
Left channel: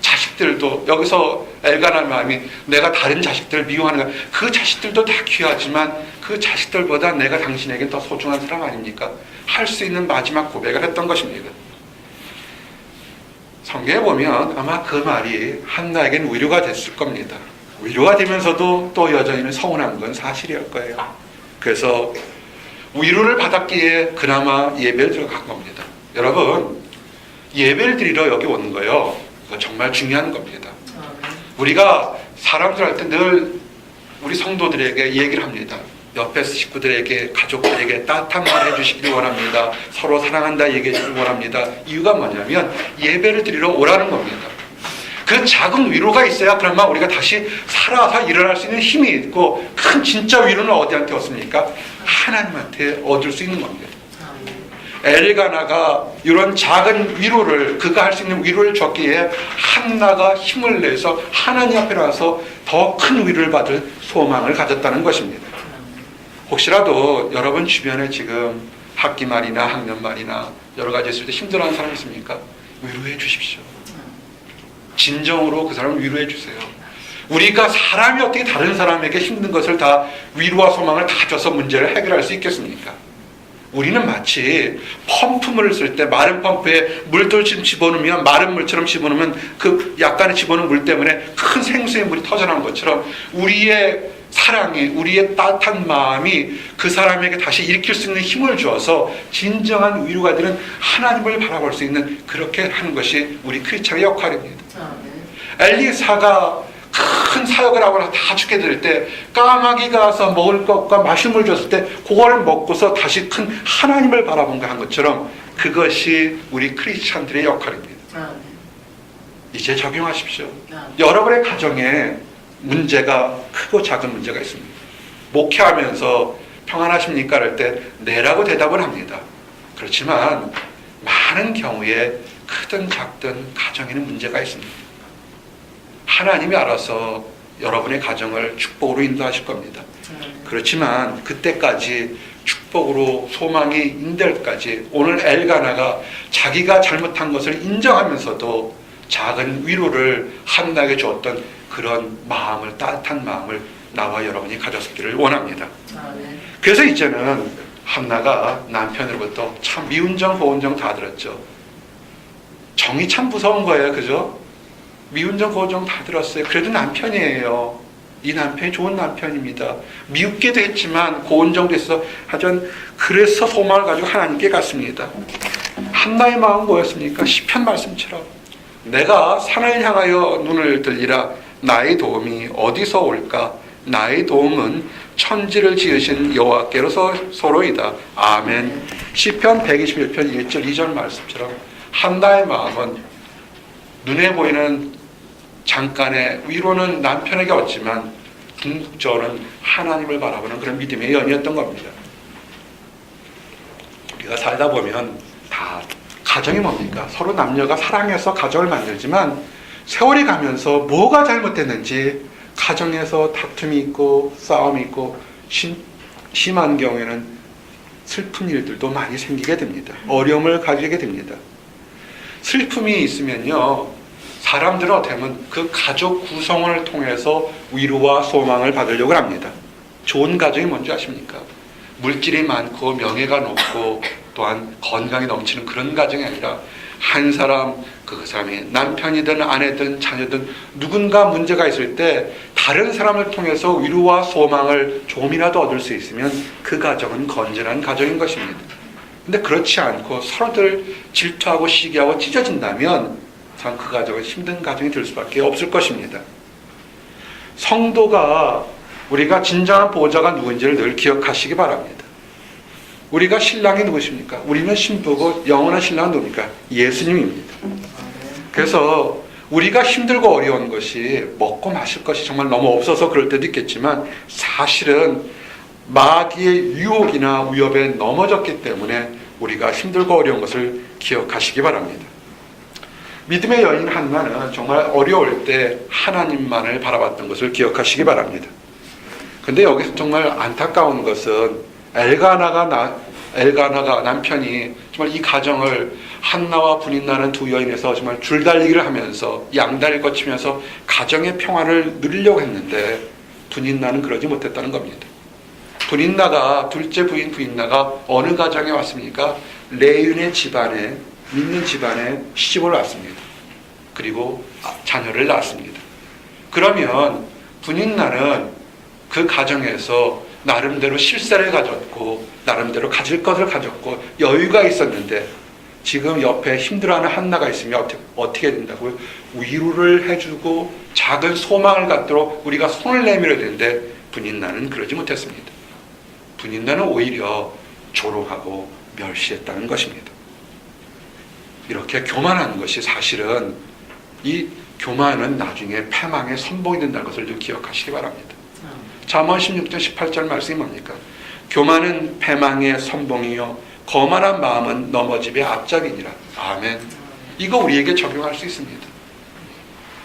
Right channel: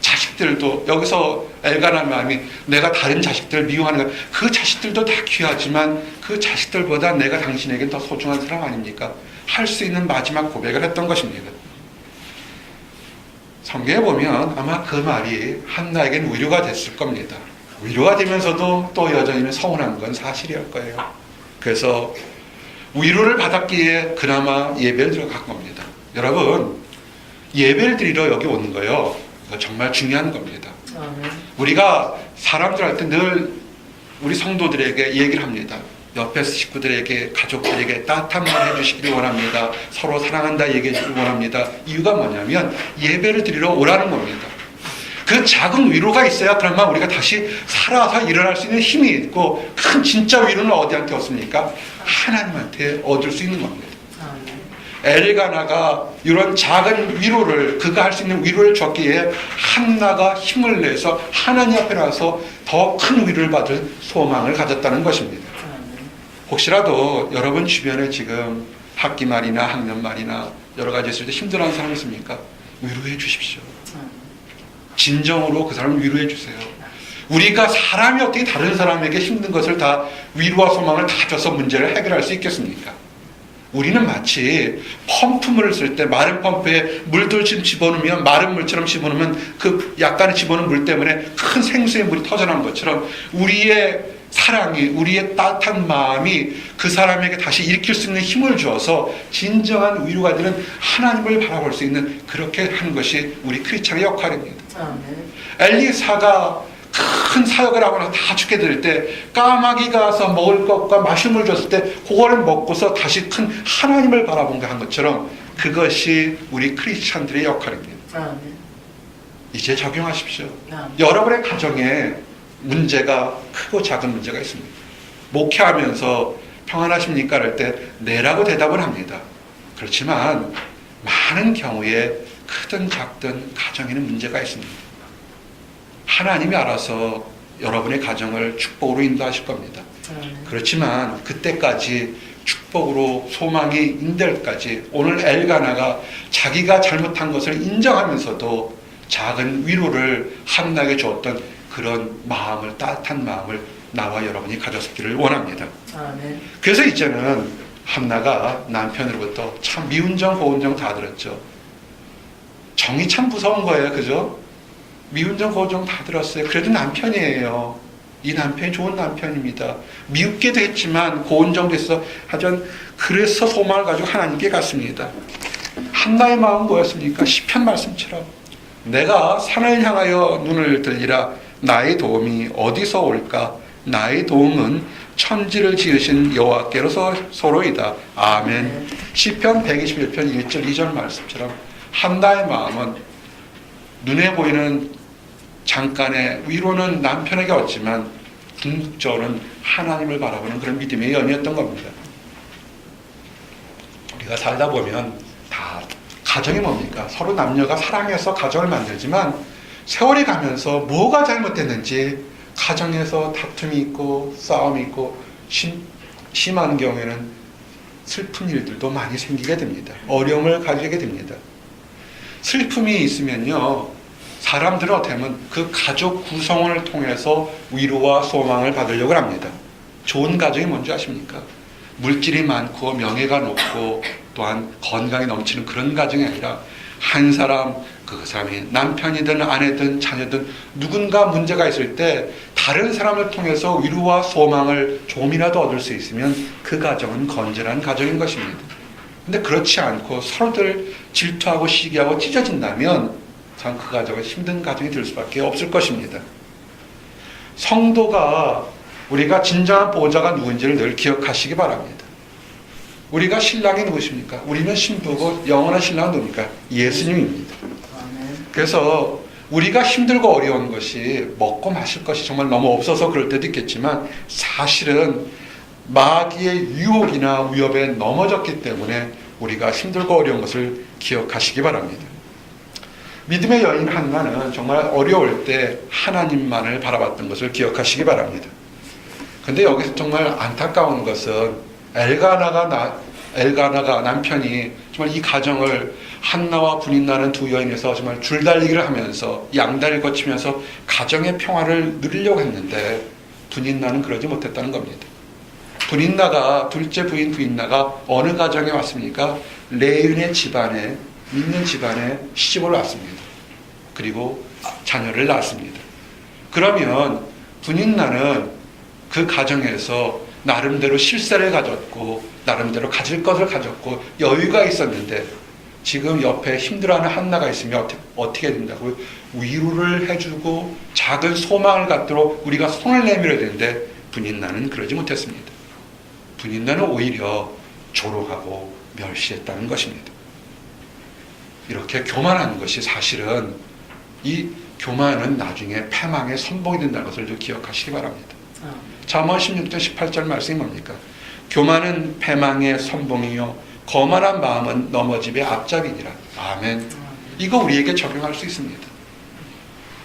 자식들도 여기서 엘가나의 마음이 내가 다른 자식들을 미워하는 거 그 자식들도 다 귀하지만 그 자식들보다 내가 당신에게 더 소중한 사람 아닙니까? 할 수 있는 마지막 고백을 했던 것입니다. 성경에 보면 아마 그 말이 한나에게는 위로가 됐을 겁니다. 위로가 되면서도 또 여전히는 서운한 건 사실일 거예요. 그래서 위로를 받았기에 그나마 예배를 드려간 겁니다. 여러분 예배를 드리러 여기 오는 거요. 이거 정말 중요한 겁니다. 우리가 사람들한테 늘 우리 성도들에게 얘기를 합니다. 옆에 식구들에게 가족들에게 따뜻한 말 해주시길 원합니다. 서로 사랑한다 얘기해 주길 원합니다. 이유가 뭐냐면 예배를 드리러 오라는 겁니다. 그 작은 위로가 있어야 그러면 우리가 다시 살아서 일어날 수 있는 힘이 있고 큰 진짜 위로는 어디한테 얻습니까? 하나님한테 얻을 수 있는 겁니다. 엘가나가 이런 작은 위로를 그가 할 수 있는 위로를 줬기에 한나가 힘을 내서 하나님 앞에 나서 더 큰 위로를 받을 소망을 가졌다는 것입니다. 혹시라도 여러분 주변에 지금 학기 말이나 학년 말이나 여러 가지 있을 때 힘들어하는 사람 있습니까? 위로해 주십시오. 진정으로 그 사람을 위로해 주세요. 우리가 사람이 어떻게 다른 사람에게 힘든 것을 다 위로와 소망을 다 줘서 문제를 해결할 수 있겠습니까? 우리는 마치 펌프물을 쓸 때 마른 펌프에 물들 집어넣으면 마른 물처럼 집어넣으면 그 약간의 집어넣은 물 때문에 큰 생수의 물이 터져나온 것처럼 우리의 사랑이, 우리의 따뜻한 마음이 그 사람에게 다시 일으킬 수 있는 힘을 주어서 진정한 위로가 되는 하나님을 바라볼 수 있는, 그렇게 하는 것이 우리 크리스찬의 역할입니다. 엘리사가 큰 사역을 하고 나서 다 죽게 될 때 까마귀가 와서 먹을 것과 마시물 줬을 때 그거를 먹고서 다시 큰 하나님을 바라본 거 한 것처럼 그것이 우리 크리스찬들의 역할입니다. 이제 적용하십시오. 여러분의 가정에 문제가, 크고 작은 문제가 있습니다. 목회하면서 평안하십니까? 할 때 네라고 대답을 합니다. 그렇지만 많은 경우에 크든 작든 가정에는 문제가 있습니다. 하나님이 알아서 여러분의 가정을 축복으로 인도하실 겁니다. 그렇지만 그때까지 축복으로 소망이 인될 때까지 오늘 엘가나가 자기가 잘못한 것을 인정하면서도 작은 위로를 한나에게 주었던 그런 마음을, 따뜻한 마음을 나와 여러분이 가졌기를 원합니다. 그래서 이제는 한나가 남편으로부터 참 미운정 고운정 다 들었죠. 정이 참 무서운 거예요. 그죠? 미운정 고운정 다 들었어요. 그래도 남편이에요. 이 남편이 좋은 남편입니다. 미웃기도 했지만 고운정도 있어. 하여튼 그래서 소망을 가지고 하나님께 갔습니다. 한나의 마음은 뭐였습니까? 시편 말씀처럼 내가 산을 향하여 눈을 들리라. 나의 도움이 어디서 올까? 나의 도움은 천지를 지으신 여호와께로서로이다. 아멘. 시편 121편 1절 2절 말씀처럼 한나의 마음은 눈에 보이는 잠깐의 위로는 남편에게 얻지만 궁극적으로는 하나님을 바라보는 그런 믿음의 연이었던 겁니다. 우리가 살다 보면 다 가정이 뭡니까? 서로 남녀가 사랑해서 가정을 만들지만 세월이 가면서 뭐가 잘못됐는지 가정에서 다툼이 있고 싸움이 있고 심한 경우에는 슬픈 일들도 많이 생기게 됩니다. 어려움을 가지게 됩니다. 슬픔이 있으면요, 사람들은 어떻게 하면 그 가족 구성원을 통해서 위로와 소망을 받으려고 합니다. 좋은 가정이 뭔지 아십니까? 물질이 많고 명예가 높고 또한 건강이 넘치는 그런 가정이 아니라 한 사람, 그 사람이 남편이든 아내든 자녀든 누군가 문제가 있을 때 다른 사람을 통해서 위로와 소망을 조금이라도 얻을 수 있으면 그 가정은 건전한 가정인 것입니다. 근데 그렇지 않고 서로들 질투하고 시기하고 찢어진다면 참 그 가정은 힘든 가정이 될 수밖에 없을 것입니다. 성도가 우리가 진정한 보호자가 누군지를 늘 기억하시기 바랍니다. 우리가 신랑이 누구십니까? 우리는 신부고 영원한 신랑은 누굽니까? 예수님입니다. 그래서 우리가 힘들고 어려운 것이 먹고 마실 것이 정말 너무 없어서 그럴 때도 있겠지만 사실은 마귀의 유혹이나 위협에 넘어졌기 때문에 우리가 힘들고 어려운 것을 기억하시기 바랍니다. 믿음의 여인 한나는 정말 어려울 때 하나님만을 바라봤던 것을 기억하시기 바랍니다. 근데 여기서 정말 안타까운 것은 엘가나가 남편이 정말 이 가정을 한나와 분인나는 두 여인에서 정말 줄달리기를 하면서 양다리를 거치면서 가정의 평화를 누리려고 했는데 분인나는 그러지 못했다는 겁니다. 분인나가, 둘째 부인 분인나가 어느 가정에 왔습니까? 레윈의 집안에, 믿는 집안에 시집을 왔습니다. 그리고 자녀를 낳았습니다. 그러면 분인나는 그 가정에서 나름대로 실세를 가졌고 나름대로 가질 것을 가졌고 여유가 있었는데 지금 옆에 힘들어하는 한나가 있으면 어떻게 된다고요? 위로를 해주고 작은 소망을 갖도록 우리가 손을 내밀어야 되는데 분인나는 그러지 못했습니다. 분인나는 오히려 조롱하고 멸시했다는 것입니다. 이렇게 교만한 것이 사실은 이 교만은 나중에 패망의 선봉이 된다는 것을 좀 기억하시기 바랍니다. 잠언 16장 18절 말씀이 뭡니까? 교만은 패망의 선봉이요 거만한 마음은 넘어짐의 앞잡이니라. 아멘. 이거 우리에게 적용할 수 있습니다.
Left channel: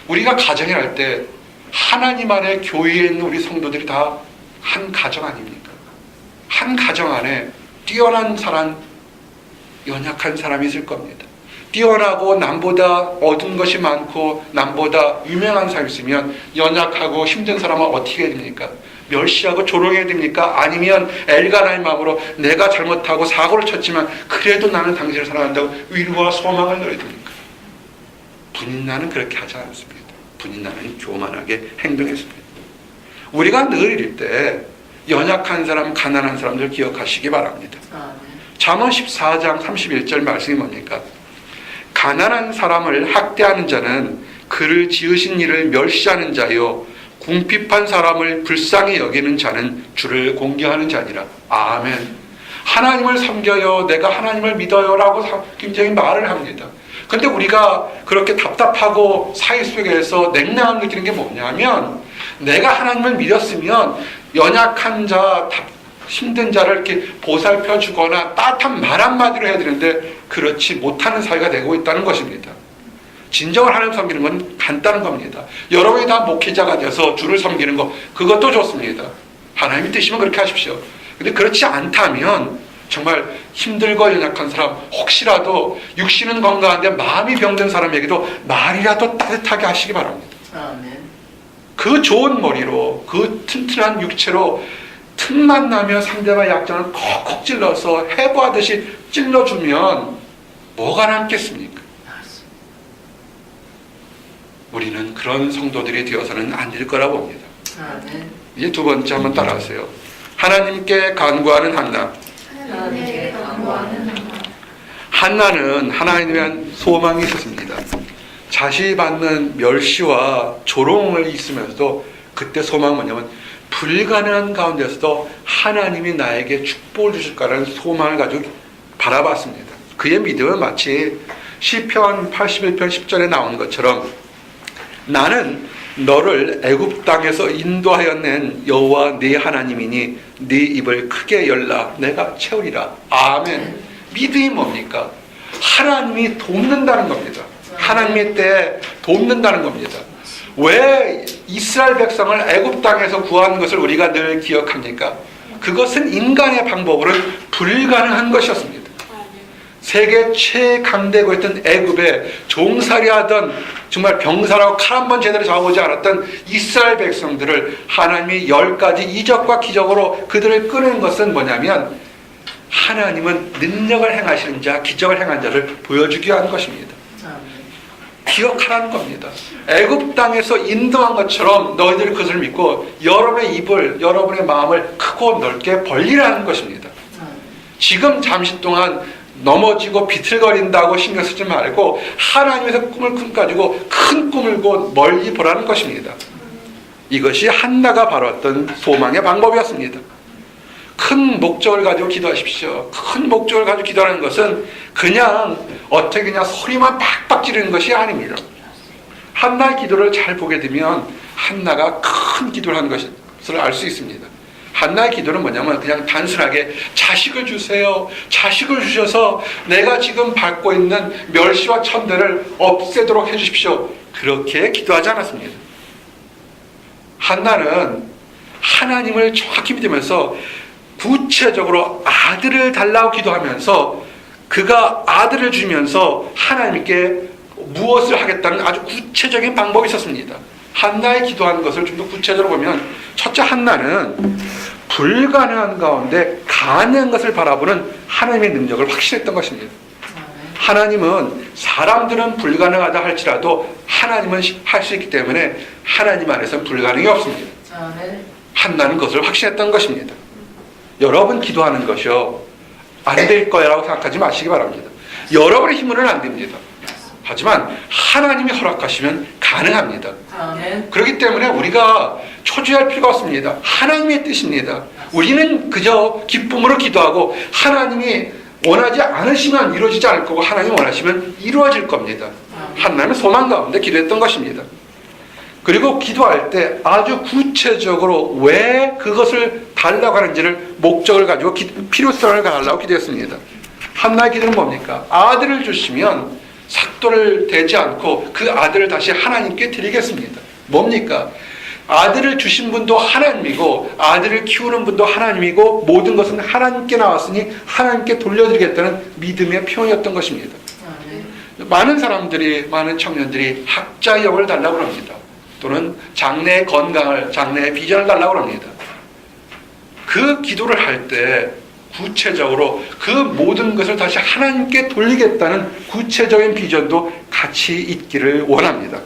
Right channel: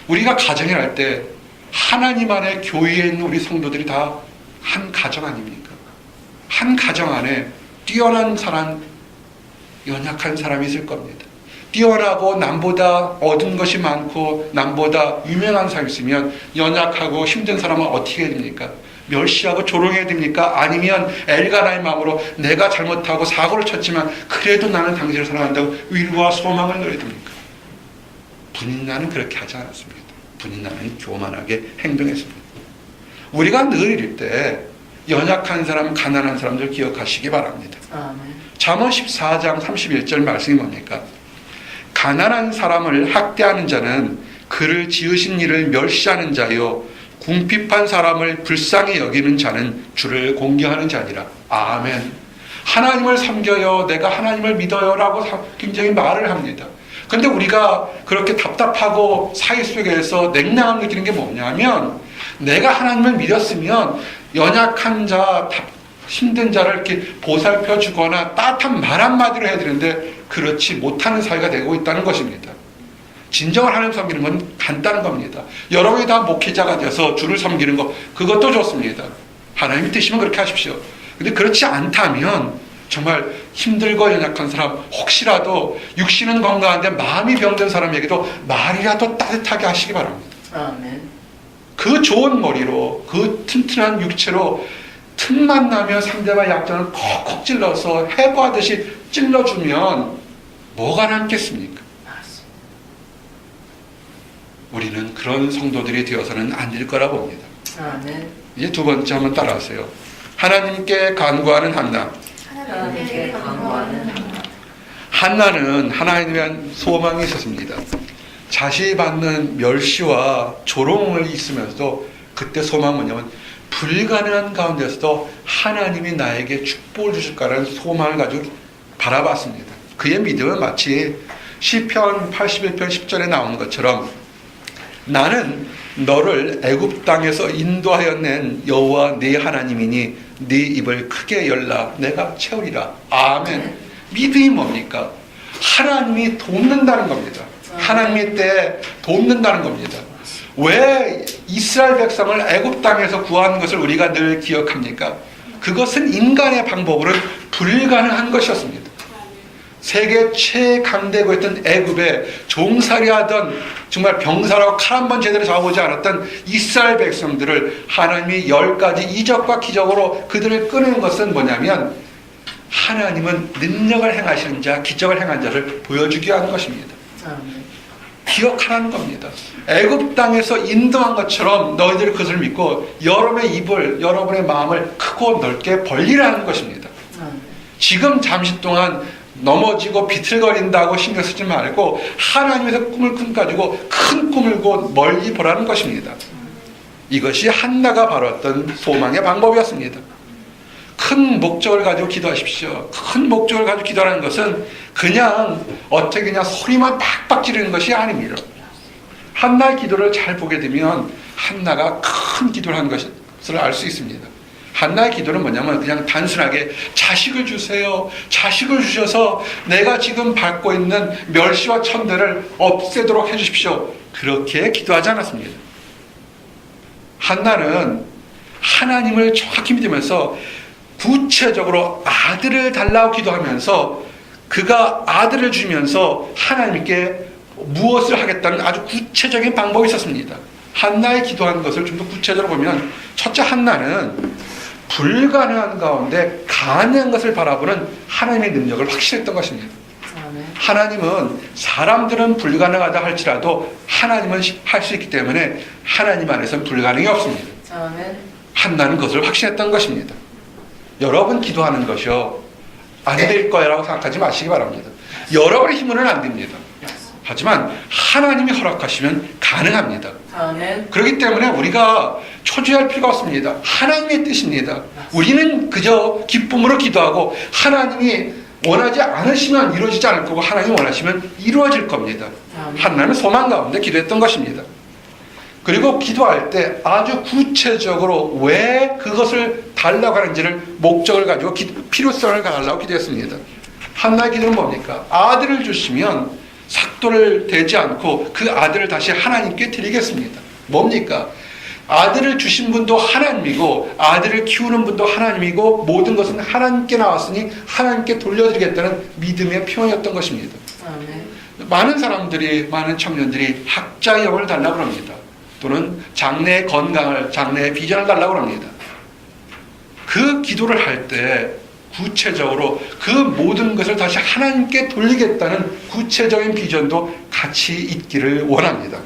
우리가 가정을 할 때 하나님 안에 교회에 있는 우리 성도들이 다 한 가정 아닙니까? 한 가정 안에 뛰어난 사람, 연약한 사람이 있을 겁니다. 뛰어나고 남보다 얻은 것이 많고 남보다 유명한 사람이 있으면 연약하고 힘든 사람은 어떻게 해야 됩니까? 멸시하고 조롱해야 됩니까? 아니면 엘가나의 마음으로 내가 잘못하고 사고를 쳤지만 그래도 나는 당신을 사랑한다고 위로와 소망을 넣어야 됩니까? 분인나는 그렇게 하지 않았습니다. 분인나는 교만하게 행동했습니다. 우리가 늘 이럴 때 연약한 사람, 가난한 사람들 기억하시기 바랍니다. 아멘. 잠언 14장 31절 말씀이 뭡니까? 가난한 사람을 학대하는 자는 그를 지으신 이를 멸시하는 자요, 궁핍한 사람을 불쌍히 여기는 자는 주를 공경하는 자니라. 아멘. 하나님을 섬겨요, 내가 하나님을 믿어요 라고 굉장히 말을 합니다. 그런데 우리가 그렇게 답답하고 사회 속에서 냉랭함 느끼는 게 뭐냐면, 내가 하나님을 믿었으면 연약한 자, 힘든 자를 이렇게 보살펴 주거나 따뜻한 말 한마디로 해야 되는데 그렇지 못하는 사회가 되고 있다는 것입니다. 진정을 하나님 섬기는 건 간단한 겁니다. 여러분이 다 목회자가 돼서 주를 섬기는 거, 그것도 좋습니다. 하나님이 뜻이면 그렇게 하십시오. 근데 그렇지 않다면 정말 힘들고 연약한 사람, 혹시라도 육신은 건강한데 마음이 병든 사람에게도 말이라도 따뜻하게 하시기 바랍니다. 아멘. 그 좋은 머리로, 그 튼튼한 육체로 틈만 나면 상대방 약점을 콕콕 찔러서 해부하듯이 찔러주면 뭐가 남겠습니까? 우리는 그런 성도들이 되어서는 안 될 거라 봅니다. 아멘. 이제 두 번째 한번 따라하세요. 하나님께 간구하는 한나. 하나님께 간구하는 한나. 한나는 하나님에 대한 소망이 있었습니다. 자신이 받는 멸시와 조롱을 있으면서도 그때 소망은 뭐냐면, 불가능한 가운데서도 하나님이 나에게 축복을 주실 거라는 소망을 가지고 바라봤습니다. 그의 믿음은 마치 시편 81편 10절에 나오는 것처럼, 나는 너를 애굽 땅에서 인도하여 낸 여호와 네 하나님이니 네 입을 크게 열라 내가 채우리라. 아멘. 믿음이 뭡니까? 하나님이 돕는다는 겁니다. 하나님의 때에 돕는다는 겁니다. 왜 이스라엘 백성을 애굽 땅에서 구한 것을 우리가 늘 기억합니까? 그것은 인간의 방법으로는 불가능한 것이었습니다. 세계 최강대국 했던 애굽에 종살이하던, 정말 병사라고 칼 한 번 제대로 잡아보지 않았던 이스라엘 백성들을 하나님이 10가지 이적과 기적으로 그들을 꺼낸 것은 뭐냐면, 하나님은 능력을 행하시는 자, 기적을 행한 자를 보여주기 위한 것입니다. 기억하라는 겁니다. 애굽 땅에서 인도한 것처럼 너희들이 그것을 믿고 여러분의 입을, 여러분의 마음을 크고 넓게 벌리라는 것입니다. 지금 잠시 동안 넘어지고 비틀거린다고 신경 쓰지 말고 하나님에서 꿈을 가지고 큰 꿈을 고 멀리 보라는 것입니다. 이것이 한나가 바라왔던 소망의 방법이었습니다. 큰 목적을 가지고 기도하십시오. 큰 목적을 가지고 기도하는 것은 그냥 어떻게 그냥 소리만 팍팍 지르는 것이 아닙니다. 한나의 기도를 잘 보게 되면 한나가 큰 기도를 한 것을 알 수 있습니다. 한나의 기도는 뭐냐면 그냥 단순하게 자식을 주세요. 자식을 주셔서 내가 지금 받고 있는 멸시와 천대를 없애도록 해주십시오. 그렇게 기도하지 않았습니다. 한나는 하나님을 정확히 믿으면서 구체적으로 아들을 달라고 기도하면서 그가 아들을 주면서 하나님께 무엇을 하겠다는 아주 구체적인 방법이 있었습니다. 한나의 기도하는 것을 좀 더 구체적으로 보면, 첫째, 한나는 불가능한 가운데 가능한 것을 바라보는 하나님의 능력을 확신했던 것입니다. 하나님은, 사람들은 불가능하다 할지라도 하나님은 할 수 있기 때문에 하나님 안에서는 불가능이 없습니다. 한나는 그것을 확신했던 것입니다. 여러분 기도하는 것이요, 안 될 거라고 생각하지 마시기 바랍니다. 여러분의 힘으로는 안 됩니다. 하지만 하나님이 허락하시면 가능합니다. 그렇기 때문에 우리가 초조할 필요가 없습니다. 하나님의 뜻입니다. 우리는 그저 기쁨으로 기도하고 하나님이 원하지 않으시면 이루어지지 않을 거고 하나님이 원하시면 이루어질 겁니다. 한나는 소망 가운데 기도했던 것입니다. 그리고 기도할 때 아주 구체적으로 왜 그것을 달라고 하는지를 목적을 가지고 필요성을 가지고 기도했습니다. 한나의 기도는 뭡니까? 아들을 주시면 삭도를 대지 않고 그 아들을 다시 하나님께 드리겠습니다. 뭡니까? 아들을 주신 분도 하나님이고 아들을 키우는 분도 하나님이고 모든 것은 하나님께 나왔으니 하나님께 돌려드리겠다는 믿음의 표현이었던 것입니다. 많은 사람들이, 많은 청년들이 학자의 영을 달라고 합니다. 또는 장래의 건강을, 장래의 비전을 달라고 합니다. 그 기도를 할 때 구체적으로 그 모든 것을 다시 하나님께 돌리겠다는 구체적인 비전도 같이 있기를 원합니다.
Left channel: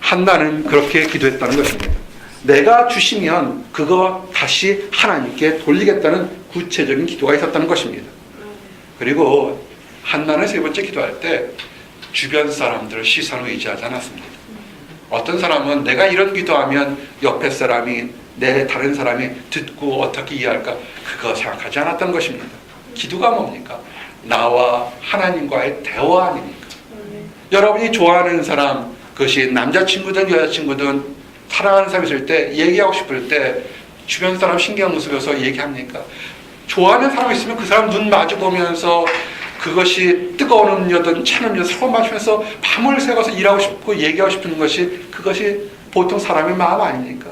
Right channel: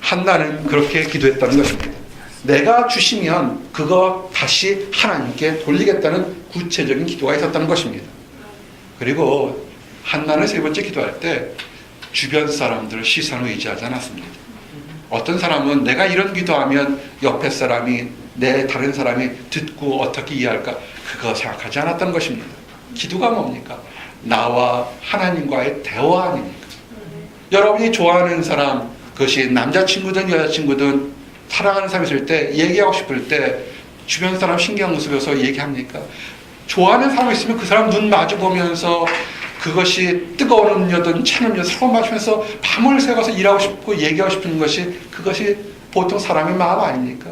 한나는 그렇게 기도했다는 것입니다. 내가 주시면 그거 다시 하나님께 돌리겠다는 구체적인 기도가 있었다는 것입니다. 그리고 한나는 세 번째 기도할 때 주변 사람들 시선을 의지하지 않았습니다. 어떤 사람은 내가 이런 기도하면 옆에 사람이 내 다른 사람이 듣고 어떻게 이해할까 그거 생각하지 않았던 것입니다. 기도가 뭡니까? 나와 하나님과의 대화 아닙니까? 여러분이 좋아하는 사람, 그것이 남자친구든 여자친구든 사랑하는 사람이 있을 때 얘기하고 싶을 때 주변 사람 신경 쓰면서 얘기합니까? 좋아하는 사람이 있으면 그 사람 눈 마주 보면서 그것이 뜨거운 음료든 찬 음료 서로 마시면서 밤을 새워서 일하고 싶고 얘기하고 싶은 것이 그것이 보통 사람의 마음 아닙니까?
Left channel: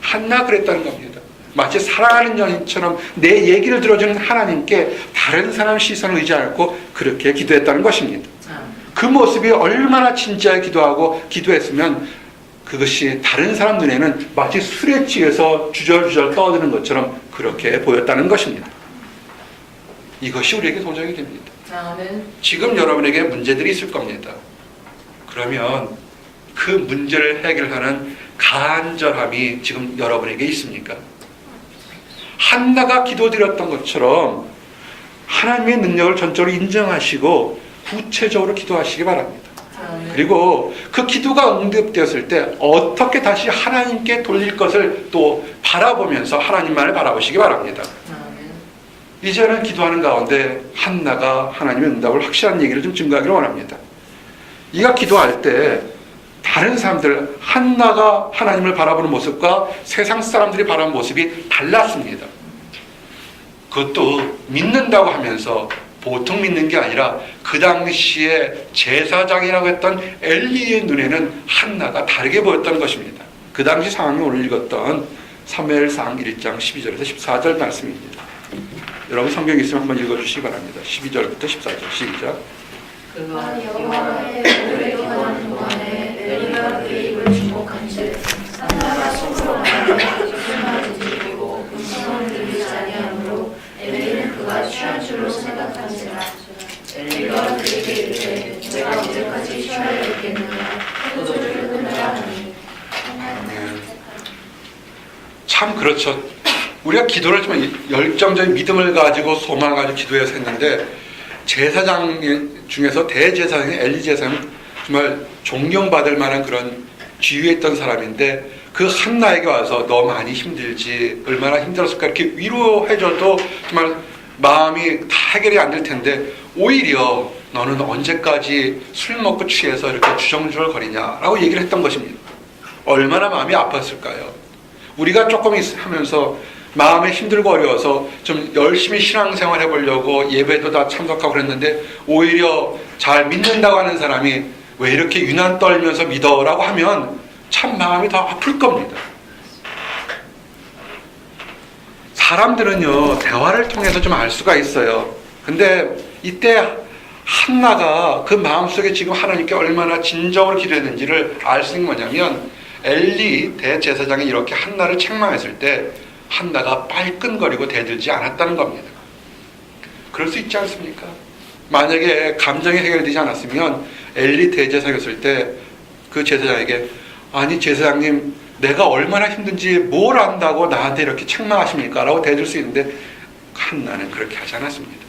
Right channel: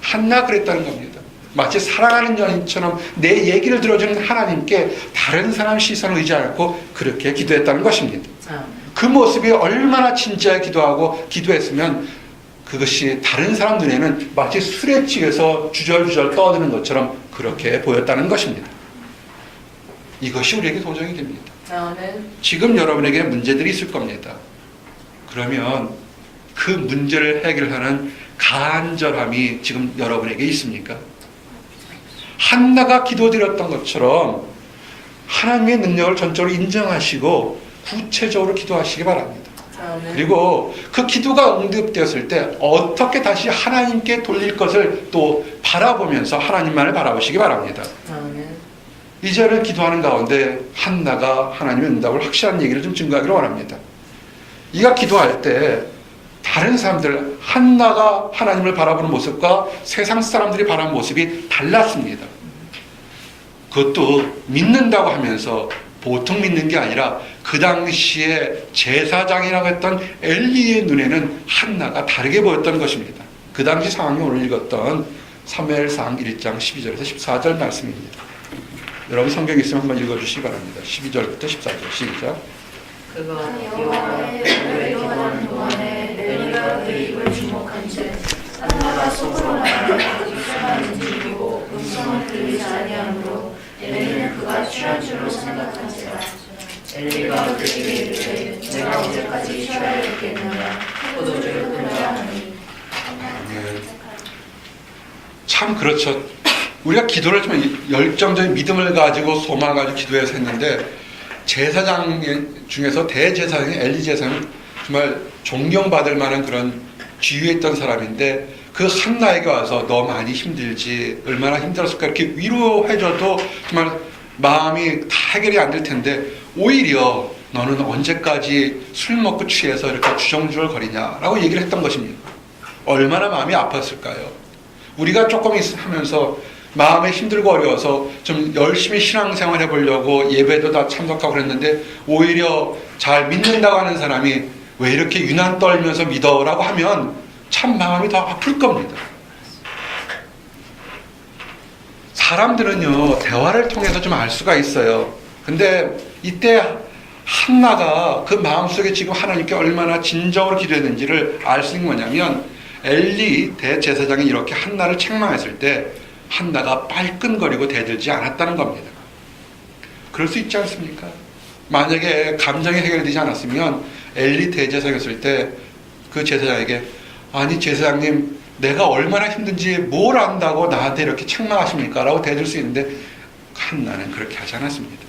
한나 그랬다는 겁니다. 마치 사랑하는 연인처럼 내 얘기를 들어주는 하나님께 다른 사람 시선을 의지 않고 그렇게 기도했다는 것입니다. 그 모습이 얼마나 진지하게 기도하고 기도했으면 그것이 다른 사람 눈에는 마치 술에 취해서 주절주절 떠드는 것처럼 그렇게 보였다는 것입니다. 이것이 우리에게 도전이 됩니다. 지금 여러분에게 문제들이 있을 겁니다. 그러면 그 문제를 해결하는 간절함이 지금 여러분에게 있습니까? 한나가 기도드렸던 것처럼 하나님의 능력을 전적으로 인정하시고 구체적으로 기도하시기 바랍니다. 그리고 그 기도가 응답되었을 때 어떻게 다시 하나님께 돌릴 것을 또 바라보면서 하나님만을 바라보시기 바랍니다. 이제는 기도하는 가운데 한나가 하나님의 응답을 확실한 얘기를 좀 증거하기를 원합니다. 이가 기도할 때 다른 사람들, 한나가 하나님을 바라보는 모습과 세상 사람들이 바라보는 모습이 달랐습니다. 그것도 믿는다고 하면서 보통 믿는 게 아니라 그 당시에 제사장이라고 했던 엘리의 눈에는 한나가 다르게 보였던 것입니다. 그 당시 상황이 오늘 읽었던 사무엘상 1장 12절에서 14절 말씀입니다. 여러분 성경 있으면 한번 읽어주시기 바랍니다. 12절부터 14절 시작. 그가 여호와의 노를 기도하는 동안에 엘리가 그의 입을 주목한즉 한나가 속으로 말하여 기술만 움직이고 음성을 들리지 아니하므로 엘리는 그가 취한 줄로 생각한지라. 엘리가 그에게 이르되 내가 언제까지 취하였겠느냐 포도주를 끊으라 하니. 참 그렇죠. 우리가 기도를 좀 열정적인 믿음을 가지고 소망을 가지고 기도해서 했는데 제사장 중에서 대제사장인 엘리 제사장은 정말 존경받을 만한 그런 지위에 있던 사람인데 그 한나에게 와서 너 많이 힘들지 얼마나 힘들었을까 이렇게 위로해줘도 정말 마음이 다 해결이 안 될 텐데 오히려 너는 언제까지 술 먹고 취해서 이렇게 주정주절 거리냐라고 얘기를 했던 것입니다. 얼마나 마음이 아팠을까요? 우리가 조금 하면서 마음에 힘들고 어려워서 좀 열심히 신앙생활 해보려고 예배도 다 참석하고 그랬는데 오히려 잘 믿는다고 하는 사람이 왜 이렇게 유난 떨면서 믿어라고 하면 참 마음이 더 아플 겁니다. 사람들은요 대화를 통해서 좀 알 수가 있어요. 근데 이때 한나가 그 마음속에 지금 하나님께 얼마나 진정으로 기도했는지를 알 수 있는 뭐냐면 엘리 대제사장이 이렇게 한나를 책망했을 때 한나가 빨끈거리고 대들지 않았다는 겁니다. 그럴 수 있지 않습니까? 만약에 감정이 해결되지 않았으면 엘리 대제사장이었을 때 그 제사장에게 아니 제사장님 내가 얼마나 힘든지 뭘 안다고 나한테 이렇게 책망하십니까? 라고 대들 수 있는데 한나는 그렇게 하지 않았습니다.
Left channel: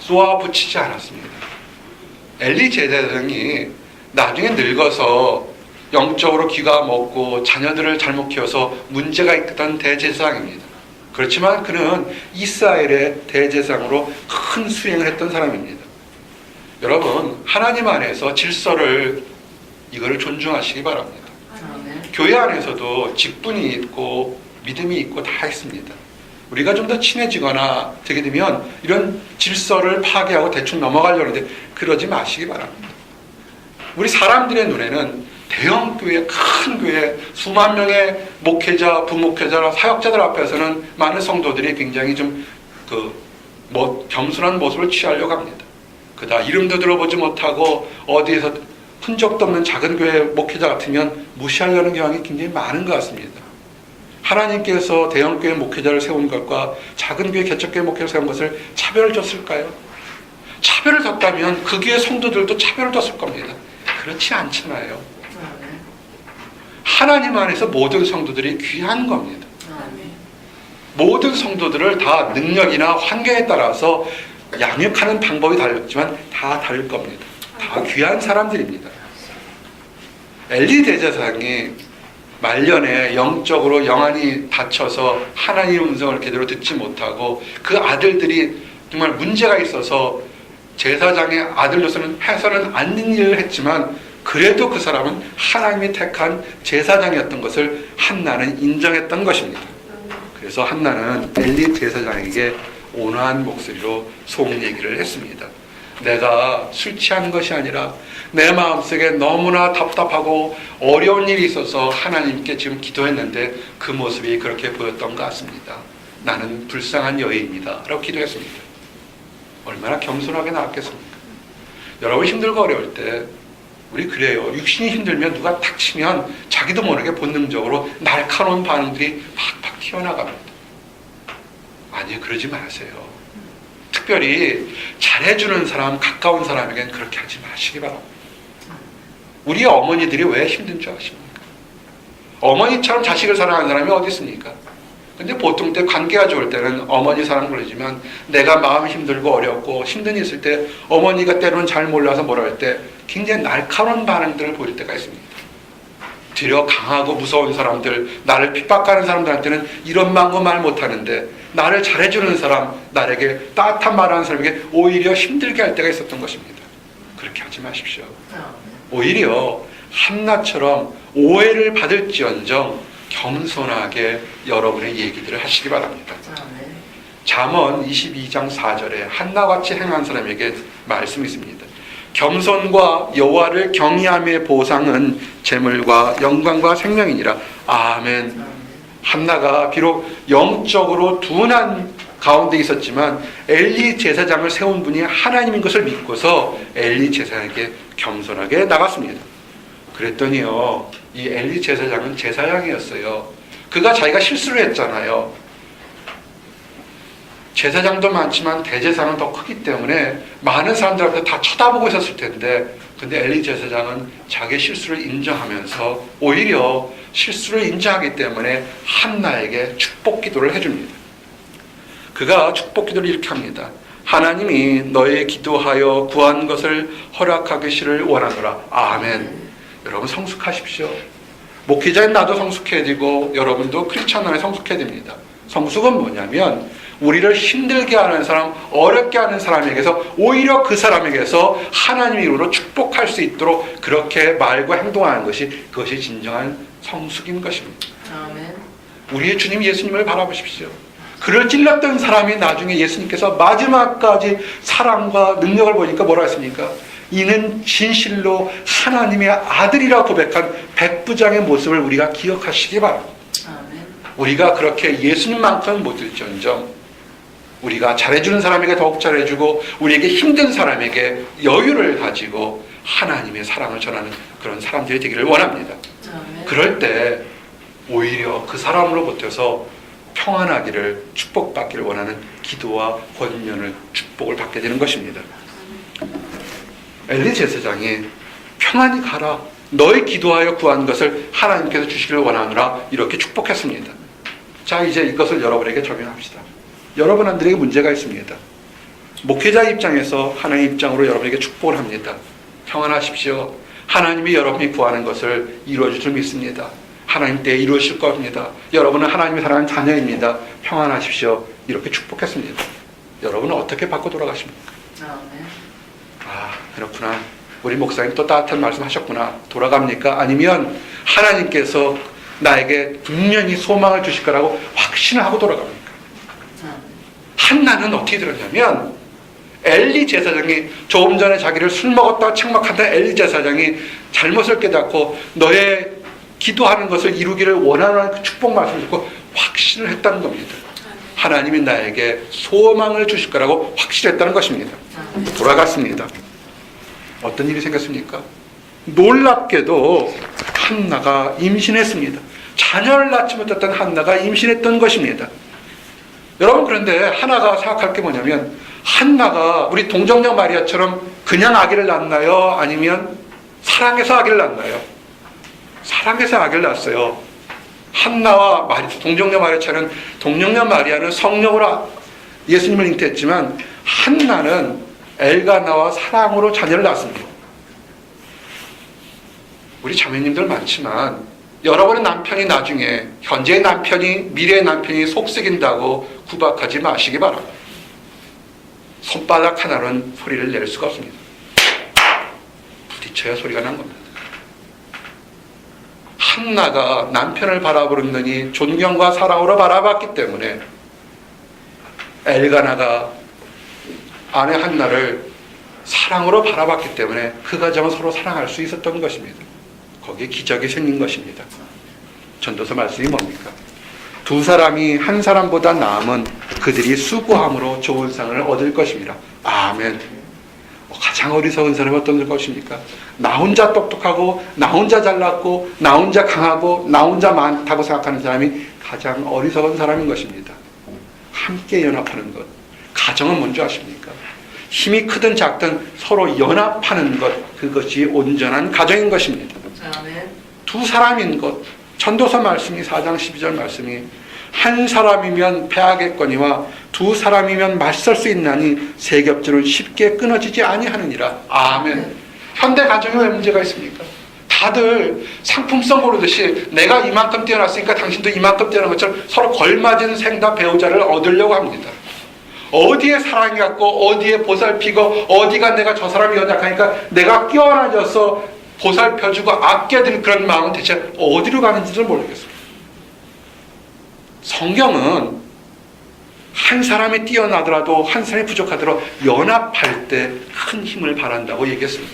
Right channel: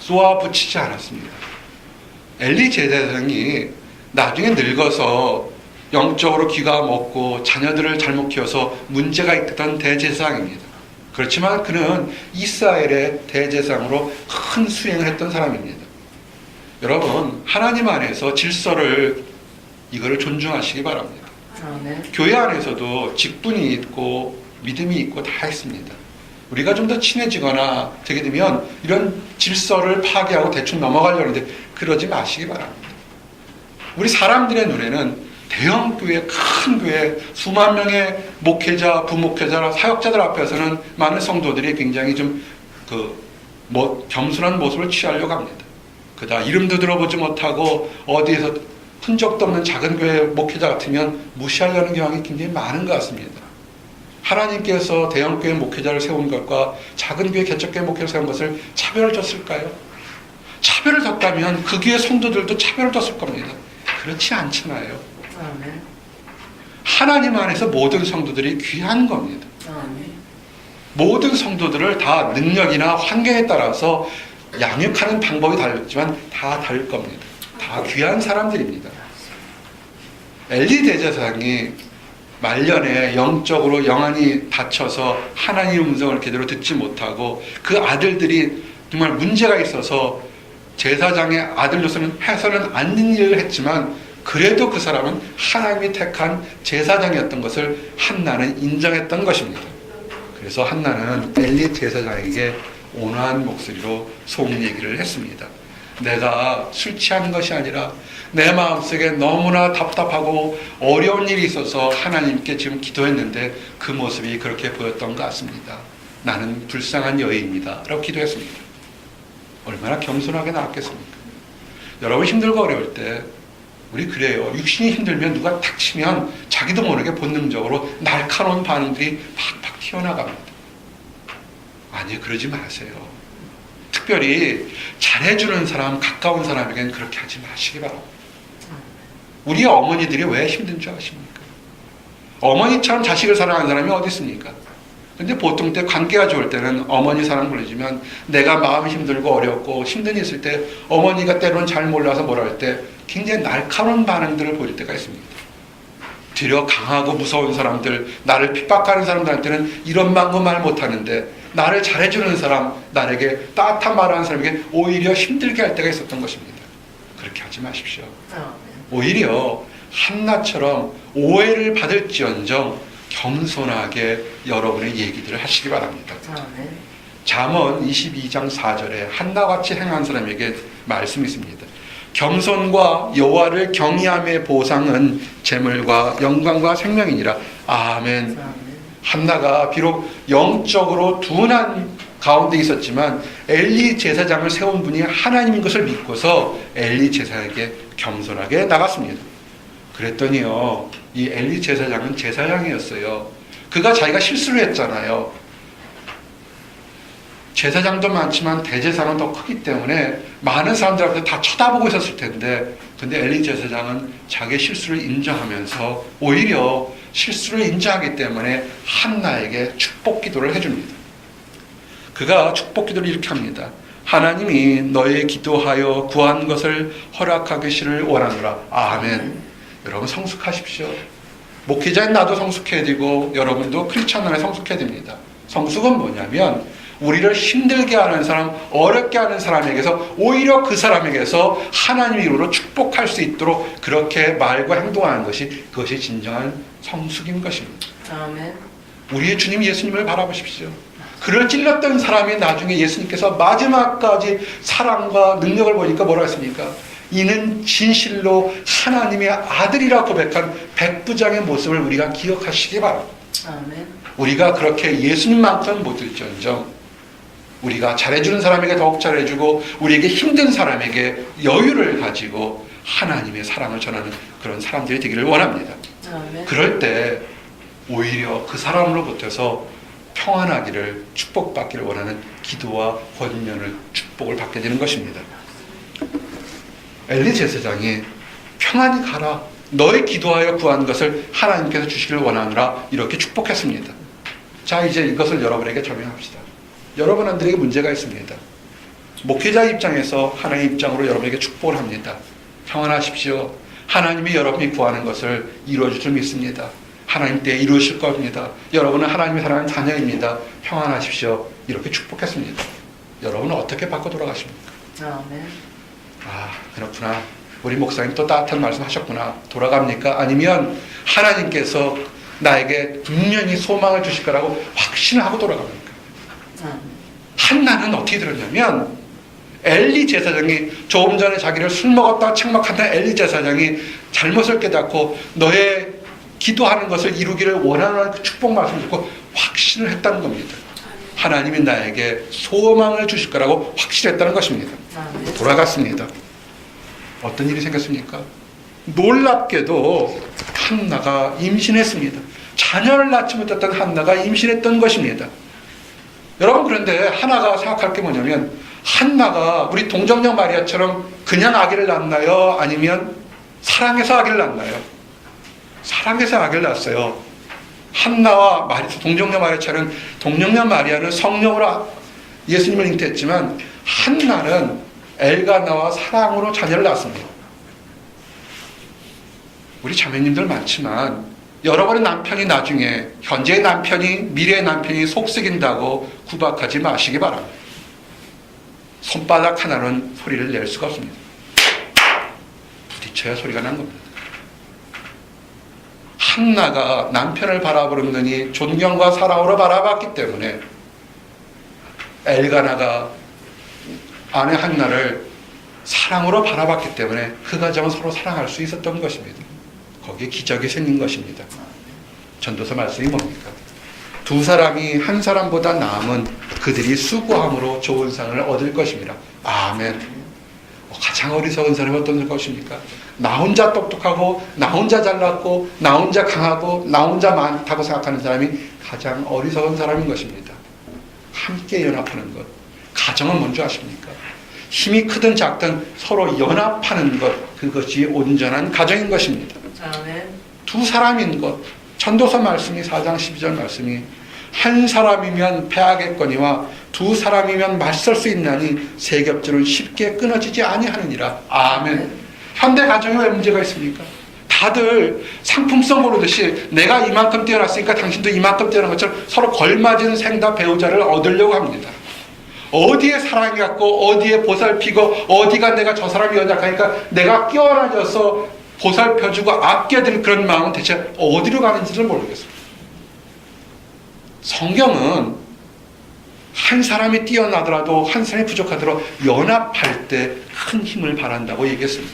쏘아붙이지 않았습니다. 엘리 제사장이 나중에 늙어서 영적으로 귀가 먹고 자녀들을 잘못 키워서 문제가 있던 대제사장입니다. 그렇지만 그는 이스라엘의 대제사장으로 큰 수행을 했던 사람입니다. 여러분 하나님 안에서 질서를 이거를 존중하시기 바랍니다. 교회 안에서도 직분이 있고 믿음이 있고 다 있습니다. 우리가 좀 더 친해지거나 되게 되면 이런 질서를 파괴하고 대충 넘어가려는데 그러지 마시기 바랍니다. 우리 사람들의 눈에는 대형 교회, 큰 교회, 수만 명의 목회자, 부목회자, 사역자들 앞에서는 많은 성도들이 굉장히 좀 겸손한 모습을 취하려고 합니다. 그다 이름도 들어보지 못하고 어디에서 흔적도 없는 작은 교회 목회자 같으면 무시하려는 경향이 굉장히 많은 것 같습니다. 하나님께서 대형 교회 목회자를 세운 것과 작은 교회 개척교회 목회를 세운 것을 차별을 줬을까요? 차별을 줬다면 그 교회 성도들도 차별을 줬을 겁니다. 그렇지 않잖아요. 하나님 안에서 모든 성도들이 귀한 겁니다. 모든 성도들을 다 능력이나 환경에 따라서 양육하는 방법이 다르지만 다 다를 겁니다. 다 귀한 사람들입니다. 엘리 대제사장이 말년에 영적으로 영안이 다쳐서 하나님의 음성을 제대로 듣지 못하고 그 아들들이 정말 문제가 있어서 제사장의 아들로서는 해서는 안 되는 일을 했지만 그래도 그 사람은 하나님이 택한 제사장이었던 것을 한나는 인정했던 것입니다. 그래서 한나는 엘리 제사장에게 온화한 목소리로 속 얘기를 했습니다. 내가 술 취하는 것이 아니라 내 마음속에 너무나 답답하고 어려운 일이 있어서 하나님께 지금 기도했는데 그 모습이 그렇게 보였던 것 같습니다. 나는 불쌍한 여인입니다. 라고 기도했습니다. 얼마나 겸손하게 나왔겠습니까? 여러분 힘들고 어려울 때 우리 그래요. 육신이 힘들면 누가 탁 치면 자기도 모르게 본능적으로 날카로운 반응들이 팍팍 튀어나갑니다. 아니, 그러지 마세요. 특별히 잘해주는 사람, 가까운 사람에겐 그렇게 하지 마시기 바랍니다. 우리 어머니들이 왜 힘든 줄 아십니까? 어머니처럼 자식을 사랑하는 사람이 어디 있습니까? 근데 보통 때 관계가 좋을 때는 어머니 사랑 부르지만 내가 마음이 힘들고 어렵고 힘든 일 있을 때 어머니가 때로는 잘 몰라서 뭐라 할 때 굉장히 날카로운 반응들을 보일 때가 있습니다. 뒤려 강하고 무서운 사람들, 나를 핍박하는 사람들한테는 이런 방법 말 못하는데 나를 잘해주는 사람, 나에게 따뜻한 말하는 사람에게 오히려 힘들게 할 때가 있었던 것입니다. 그렇게 하지 마십시오. 오히려 한나처럼 오해를 받을지언정 겸손하게 여러분의 얘기들을 하시기 바랍니다. 잠언 22장 4절에 한나같이 행한 사람에게 말씀이 있습니다. 겸손과 여호와를 경외함의 보상은 재물과 영광과 생명이니라. 아멘. 한나가 비록 영적으로 둔한 가운데 있었지만 엘리 제사장을 세운 분이 하나님인 것을 믿고서 엘리 제사장에게 겸손하게 나갔습니다. 그랬더니요, 이 엘리 제사장은 제사장이었어요. 그가 자기가 실수를 했잖아요. 제사장도 많지만 대제사장은 더 크기 때문에 많은 사람들 앞에서 다 쳐다보고 있었을 텐데, 근데 엘리 제사장은 자기 실수를 인정하면서 오히려 실수를 인정하기 때문에 한나에게 축복 기도를 해줍니다. 그가 축복 기도를 이렇게 합니다. 하나님이 너의 기도하여 구한 것을 허락하기를 원하노라. 아멘. 여러분 성숙하십시오. 목회자인 나도 성숙해야 되고 여러분도 크리스찬 안에 성숙해야 됩니다. 성숙은 뭐냐면 우리를 힘들게 하는 사람, 어렵게 하는 사람에게서 오히려 그 사람에게서 하나님의 이름으로 축복할 수 있도록 그렇게 말과 행동하는 것이, 그것이 진정한 성숙인 것입니다. 아멘. 우리의 주님 예수님을 바라보십시오. 그를 찔렀던 사람이 나중에 예수님께서 마지막까지 사랑과 능력을 보니까 뭐라 했습니까? 이는 진실로 하나님의 아들이라 고백한 백부장의 모습을 우리가 기억하시기 바랍니다. 아멘. 우리가 그렇게 예수님만큼 못될지언정 우리가 잘해주는 사람에게 더욱 잘해주고 우리에게 힘든 사람에게 여유를 가지고 하나님의 사랑을 전하는 그런 사람들이 되기를 원합니다. 아멘. 그럴 때 오히려 그 사람으로부터서 평안하기를, 축복받기를 원하는 기도와 권면을, 축복을 받게 되는 것입니다. 엘리 제사장이 평안히 가라, 너희 기도하여 구한 것을 하나님께서 주시기를 원하노라, 이렇게 축복했습니다. 자, 이제 이것을 여러분에게 적용합시다. 여러분들에게 문제가 있습니다. 목회자 입장에서 하나님 입장으로 여러분에게 축복을 합니다. 평안하십시오. 하나님이 여러분이 구하는 것을 이루어줄 줄 믿습니다. 하나님 때에 이루어질 겁니다. 여러분은 하나님이 사랑하는 자녀입니다. 평안하십시오. 이렇게 축복했습니다. 여러분은 어떻게 받고 돌아가십니까? 아멘. 아, 그렇구나. 우리 목사님 또 따뜻한 말씀 하셨구나. 돌아갑니까? 아니면 하나님께서 나에게 분명히 소망을 주실 거라고 확신을 하고 돌아갑니까? 한나는 어떻게 들었냐면 엘리 제사장이 조금 전에 자기를 술 먹었다가 책망한다 엘리 제사장이 잘못을 깨닫고 너의 기도하는 것을 이루기를 원하는 그 축복 말씀을 듣고 확신을 했다는 겁니다. 하나님이 나에게 소망을 주실 거라고 확실했다는 것입니다. 돌아갔습니다. 어떤 일이 생겼습니까? 놀랍게도 한나가 임신했습니다. 자녀를 낳지 못했던 한나가 임신했던 것입니다. 여러분, 그런데 하나가 생각할 게 뭐냐면 한나가 우리 동정녀 마리아처럼 그냥 아기를 낳나요? 아니면 사랑해서 아기를 낳나요? 사랑해서 아기를 낳았어요. 한나와 동정녀 마리아는 동정녀 마리아는 성령으로 예수님을 잉태했지만 한나는 엘가나와 사랑으로 자녀를 낳았습니다. 우리 자매님들 많지만 여러분의 남편이 나중에 현재의 남편이 미래의 남편이 속썩인다고 구박하지 마시기 바랍니다. 손바닥 하나는 소리를 낼 수가 없습니다. 부딪혀야 소리가 난 겁니다. 한나가 남편을 바라보느니 존경과 사랑으로 바라봤기 때문에 엘가나가 아내 한나를 사랑으로 바라봤기 때문에 그 가정은 서로 사랑할 수 있었던 것입니다. 거기에 기적이 생긴 것입니다. 전도서 말씀이 뭡니까? 두 사람이 한 사람보다 나음은 그들이 수고함으로 좋은 상을 얻을 것입니다. 아멘. 가장 어리석은 사람이 어떤 것입니까? 나 혼자 똑똑하고 나 혼자 잘났고 나 혼자 강하고 나 혼자 많다고 생각하는 사람이 가장 어리석은 사람인 것입니다. 함께 연합하는 것. 가정은 뭔지 아십니까? 힘이 크든 작든 서로 연합하는 것, 그것이 온전한 가정인 것입니다. 두 사람인 것. 전도서 말씀이 4장 12절 말씀이 한 사람이면 패하겠거니와 두 사람이면 맞설 수 있나니 세 겹줄은 쉽게 끊어지지 아니하느니라. 아멘. 현대 가정에 왜 문제가 있습니까? 다들 상품성 모르듯이 내가 이만큼 뛰어났으니까 당신도 이만큼 뛰어난 것처럼 서로 걸맞은 생다 배우자를 얻으려고 합니다. 어디에 사랑이 갖고 어디에 보살피고 어디가 내가 저 사람이 연약하니까 내가 끼어다녀서 보살펴주고 아껴드릴 그런 마음은 대체 어디로 가는지를 모르겠습니다. 성경은 한 사람이 뛰어나더라도 한 사람이 부족하더라도 연합할 때 큰 힘을 발한다고 얘기했습니다.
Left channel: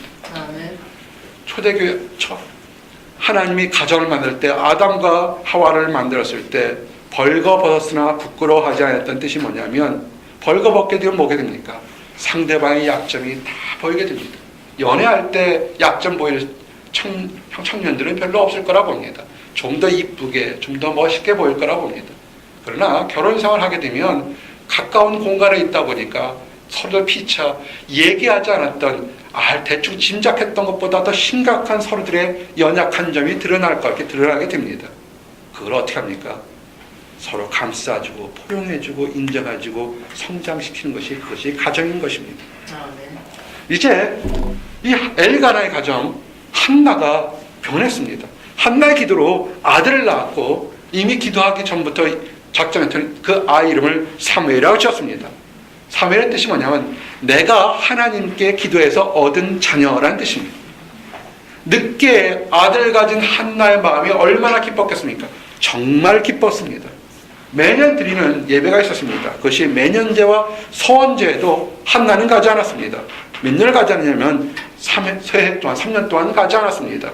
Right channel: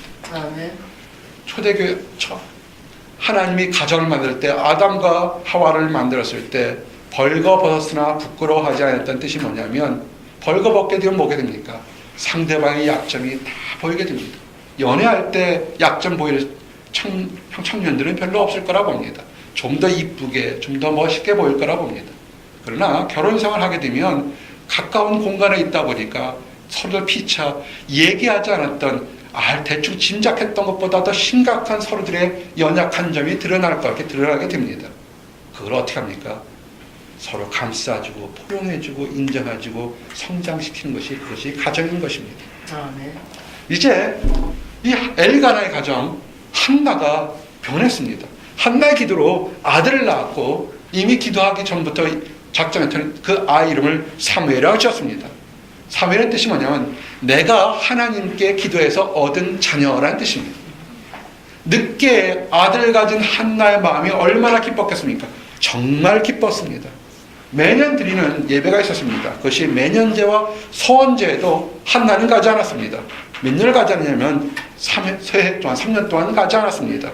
초대교회 하나님이 가정을 만들 때 아담과 하와를 만들었을 때 벌거벗었으나 부끄러워하지 않았던 뜻이 뭐냐면 벌거벗게 되면 뭐게 됩니까? 상대방의 약점이 다 보이게 됩니다. 연애할 때 약점 보일 청년들은 별로 없을 거라 봅니다. 좀 더 이쁘게, 좀 더 멋있게 보일 거라 봅니다. 그러나 결혼 생활을 하게 되면 가까운 공간에 있다 보니까 서로 피차 얘기하지 않았던 대충 짐작했던 것보다 더 심각한 서로들의 연약한 점이 드러나게 됩니다. 그걸 어떻게 합니까? 서로 감싸주고 포용해주고 인정해주고 성장시키는 것이 그것이 가정인 것입니다. 이제 이 엘가나의 가정 한나가 변했습니다. 한나의 기도로 아들을 낳았고 이미 기도하기 전부터 작정했던 그 아이 이름을 사무엘이라고 지었습니다. 사무엘의 뜻이 뭐냐면 내가 하나님께 기도해서 얻은 자녀라는 뜻입니다. 늦게 아들을 가진 한나의 마음이 얼마나 기뻤겠습니까? 정말 기뻤습니다. 매년 드리는 예배가 있었습니다. 그것이 매년제와 서원제에도 한나는 가지 않았습니다. 몇 년을 가지 않냐면 3년 동안 가지 않았습니다.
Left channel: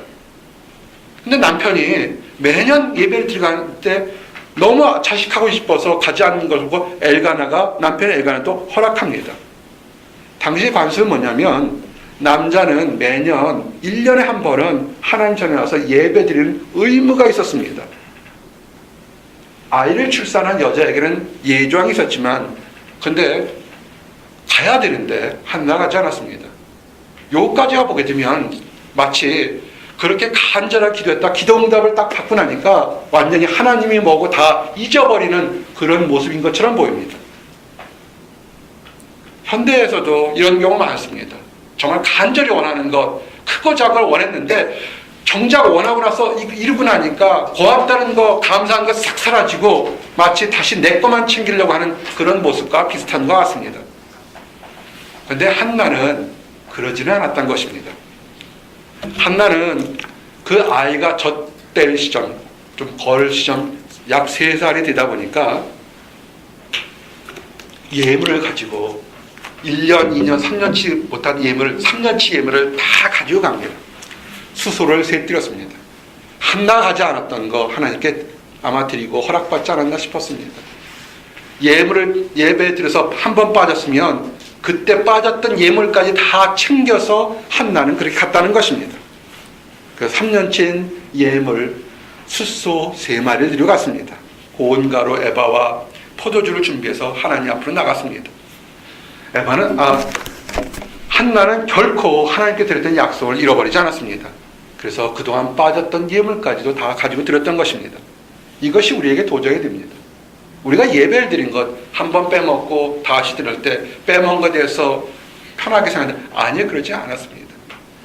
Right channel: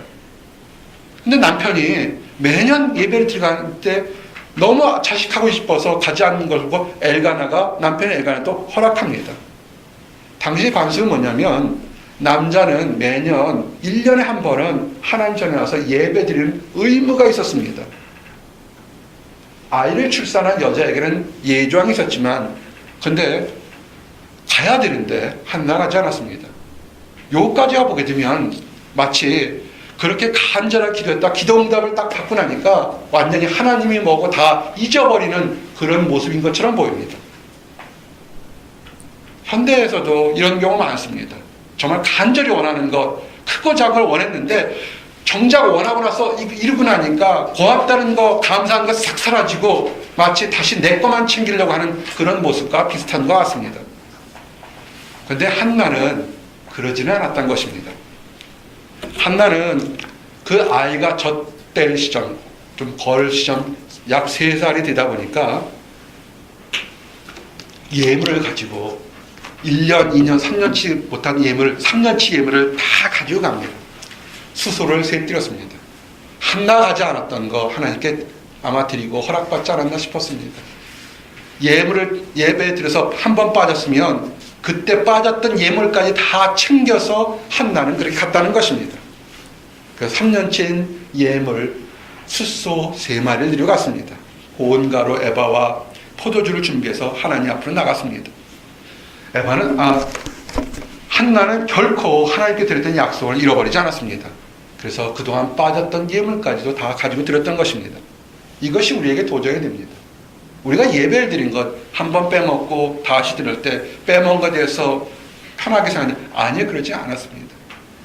근데 남편이 매년 예배를 드리갈 때 너무 자식하고 싶어서 가지 않는 것을 보고 남편 엘가나도 허락합니다. 당시 관습은 뭐냐면 남자는 매년 1년에 한 번은 하나님 전에 와서 예배 드리는 의무가 있었습니다. 아이를 출산한 여자에게는 예조항이 있었지만 근데 가야 되는데 한나 가지 않았습니다. 요까지 보게 되면 마치 그렇게 간절하게 기도했다 기도응답을 딱 받고 나니까 완전히 하나님이 뭐고 다 잊어버리는 그런 모습인 것처럼 보입니다. 현대에서도 이런 경우 많습니다. 정말 간절히 원하는 것 크고 작은 걸 원했는데 정작 원하고 나서 이루고 나니까 고맙다는 거 감사한 거 싹 사라지고 마치 다시 내 것만 챙기려고 하는 그런 모습과 비슷한 것 같습니다. 그런데 한나는 그러지는 않았던 것입니다. 한나는 그 아이가 젖될 시점, 좀 걸 시점 약 3살이 되다 보니까 예물을 가지고 1년, 2년, 3년치 못한 예물, 3년치 예물을 다 가지고 갑니다. 수소를 세뜨렸습니다. 한나 가지 않았던 거 하나님께 아마 드리고 허락받지 않았나 싶었습니다. 예배에 들어서 한 번 빠졌으면 그때 빠졌던 예물까지 다 챙겨서 한나는 그렇게 갔다는 것입니다. 그래서 3년치인 예물 숫소 3마리를 들여갔습니다. 고운가루 에바와 포도주를 준비해서 하나님 앞으로 나갔습니다. 한나는 결코 하나님께 드렸던 약속을 잃어버리지 않았습니다. 그래서 그동안 빠졌던 예물까지도 다 가지고 드렸던 것입니다. 이것이 우리에게 도전이 됩니다. 우리가 예배를 드린 것 한 번 빼먹고 다시 드릴 때 빼먹은 것에 대해서 편하게 생각하는, 아니요, 그러지 않았습니다.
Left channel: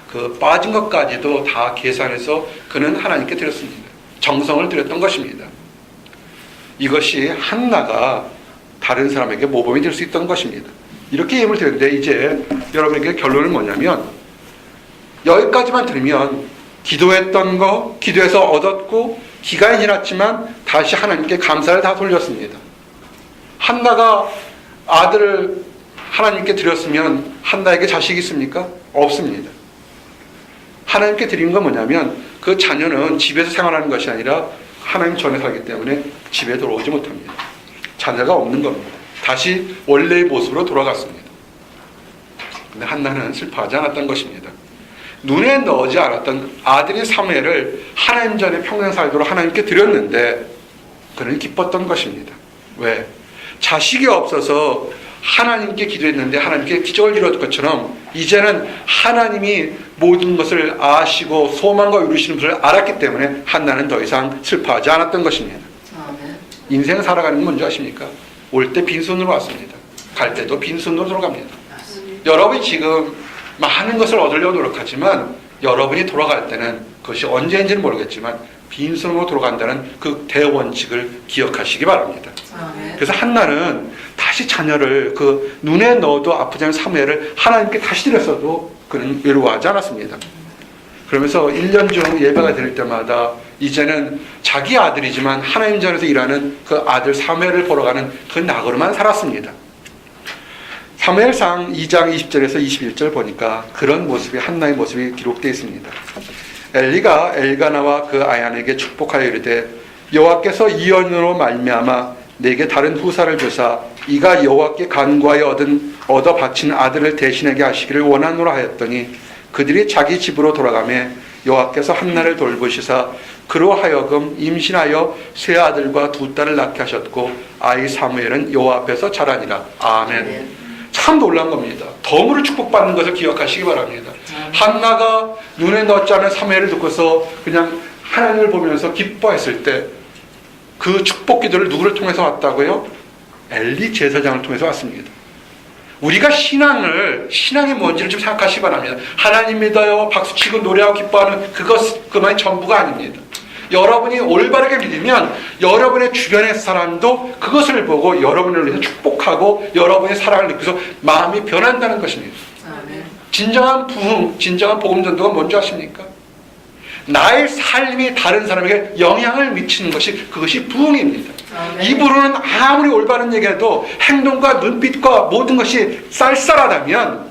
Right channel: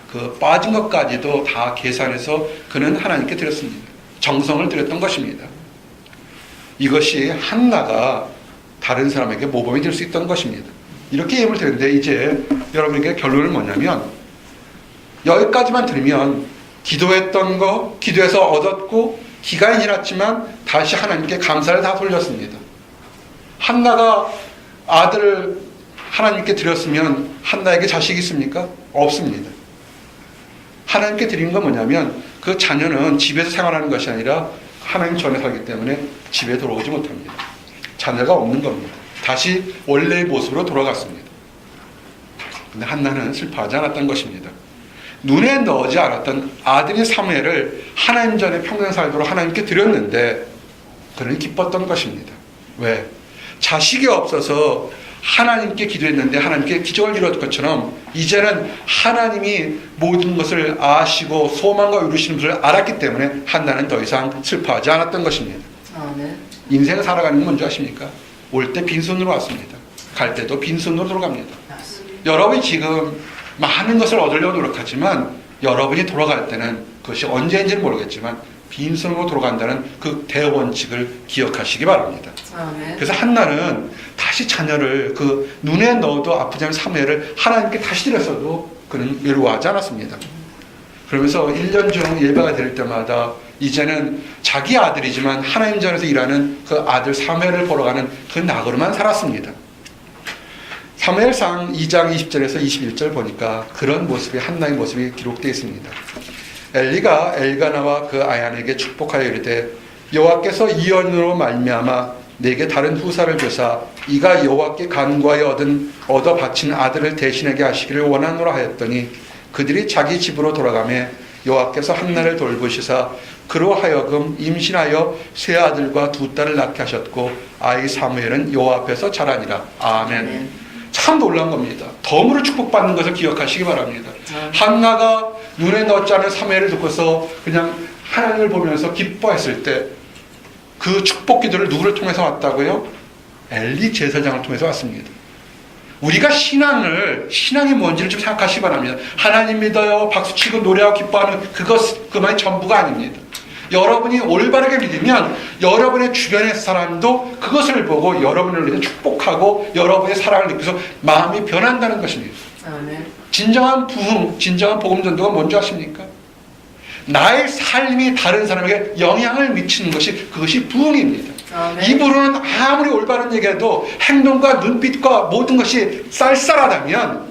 그 빠진 것까지도 다 계산해서 그는 하나님께 드렸습니다. 정성을 드렸던 것입니다. 이것이 한나가 다른 사람에게 모범이 될 수 있던 것입니다. 이렇게 예물을 드렸는데 이제 여러분에게 결론은 뭐냐면, 여기까지만 들으면 기도했던 거, 기도해서 얻었고 기간이 지났지만 다시 하나님께 감사를 다 돌렸습니다. 한나가 아들을 하나님께 드렸으면 한나에게 자식이 있습니까? 없습니다. 하나님께 드린 건 뭐냐면 그 자녀는 집에서 생활하는 것이 아니라 하나님 전에 살기 때문에 집에 들어오지 못합니다. 자녀가 없는 겁니다. 다시 원래의 모습으로 돌아갔습니다. 근데 한나는 슬퍼하지 않았던 것입니다. 눈에 넣지 않았던 아들인 사무엘을 하나님 전에 평생 살도록 하나님께 드렸는데 그는 기뻤던 것입니다. 왜? 자식이 없어서 하나님께 기도했는데 하나님께 기적을 이루었던 것처럼 이제는 하나님이 모든 것을 아시고 소망과 이루시는 것을 알았기 때문에 한나는 더 이상 슬퍼하지 않았던 것입니다. 인생 살아가는 건 뭔지 아십니까? 올 때 빈손으로 왔습니다. 갈 때도 빈손으로 돌아갑니다. 여러분이 지금 많은 것을 얻으려고 노력하지만 여러분이 돌아갈 때는 그것이 언제인지는 모르겠지만 빈손으로 돌아간다는 그 대원칙을 기억하시기 바랍니다. 그래서 한나는 다시 자녀를 그 눈에 넣어도 아프지 않은 사무엘을 하나님께 다시 드렸어도 그는 외로워하지 않았습니다. 그러면서 1년 중 예배가 드릴 때마다 이제는 자기 아들이지만 하나님 전에서 일하는 그 아들 사무엘을 보러 가는 그 낙으로만 살았습니다. 사무엘상 2장 20절에서 21절 보니까 그런 모습이, 한나의 모습이 기록되어 있습니다. 엘리가 엘가나와 그 아얀에게 축복하여 이르되 여호와께서 이 언으로 말미암아 내게 다른 후사를 주사 이가 여호와께 간구하여 얻어 바친 아들을 대신하게 하시기를 원하노라 하였더니 그들이 자기 집으로 돌아가매 여호와께서 한나를 돌보시사 그로 하여금 임신하여 세 아들과 두 딸을 낳게 하셨고 아이 사무엘은 여호와 앞에서 자라니라. 아멘. 참 놀란 겁니다. 덤으로 축복받는 것을 기억하시기 바랍니다. 한나가 눈에 넣지 않은 사무엘을 듣고서 그냥 하나님을 보면서 기뻐했을 때 그 축복 기도를 누구를 통해서 왔다고요? 엘리 제사장을 통해서 왔습니다. 우리가 신앙이 뭔지를 좀 생각하시기 바랍니다. 하나님 믿어요, 박수치고 노래하고 기뻐하는 그것만이 전부가 아닙니다. 여러분이 올바르게 믿으면 여러분의 주변의 사람도 그것을 보고 여러분을 위해 축복하고 여러분의 사랑을 느껴서 마음이 변한다는 것입니다. 진정한 부흥, 진정한 복음 전도가 뭔지 아십니까? 나의 삶이 다른 사람에게 영향을 미치는 것이, 그것이 부흥입니다. 입으로는 아무리 올바른 얘기해도 행동과 눈빛과 모든 것이 쌀쌀하다면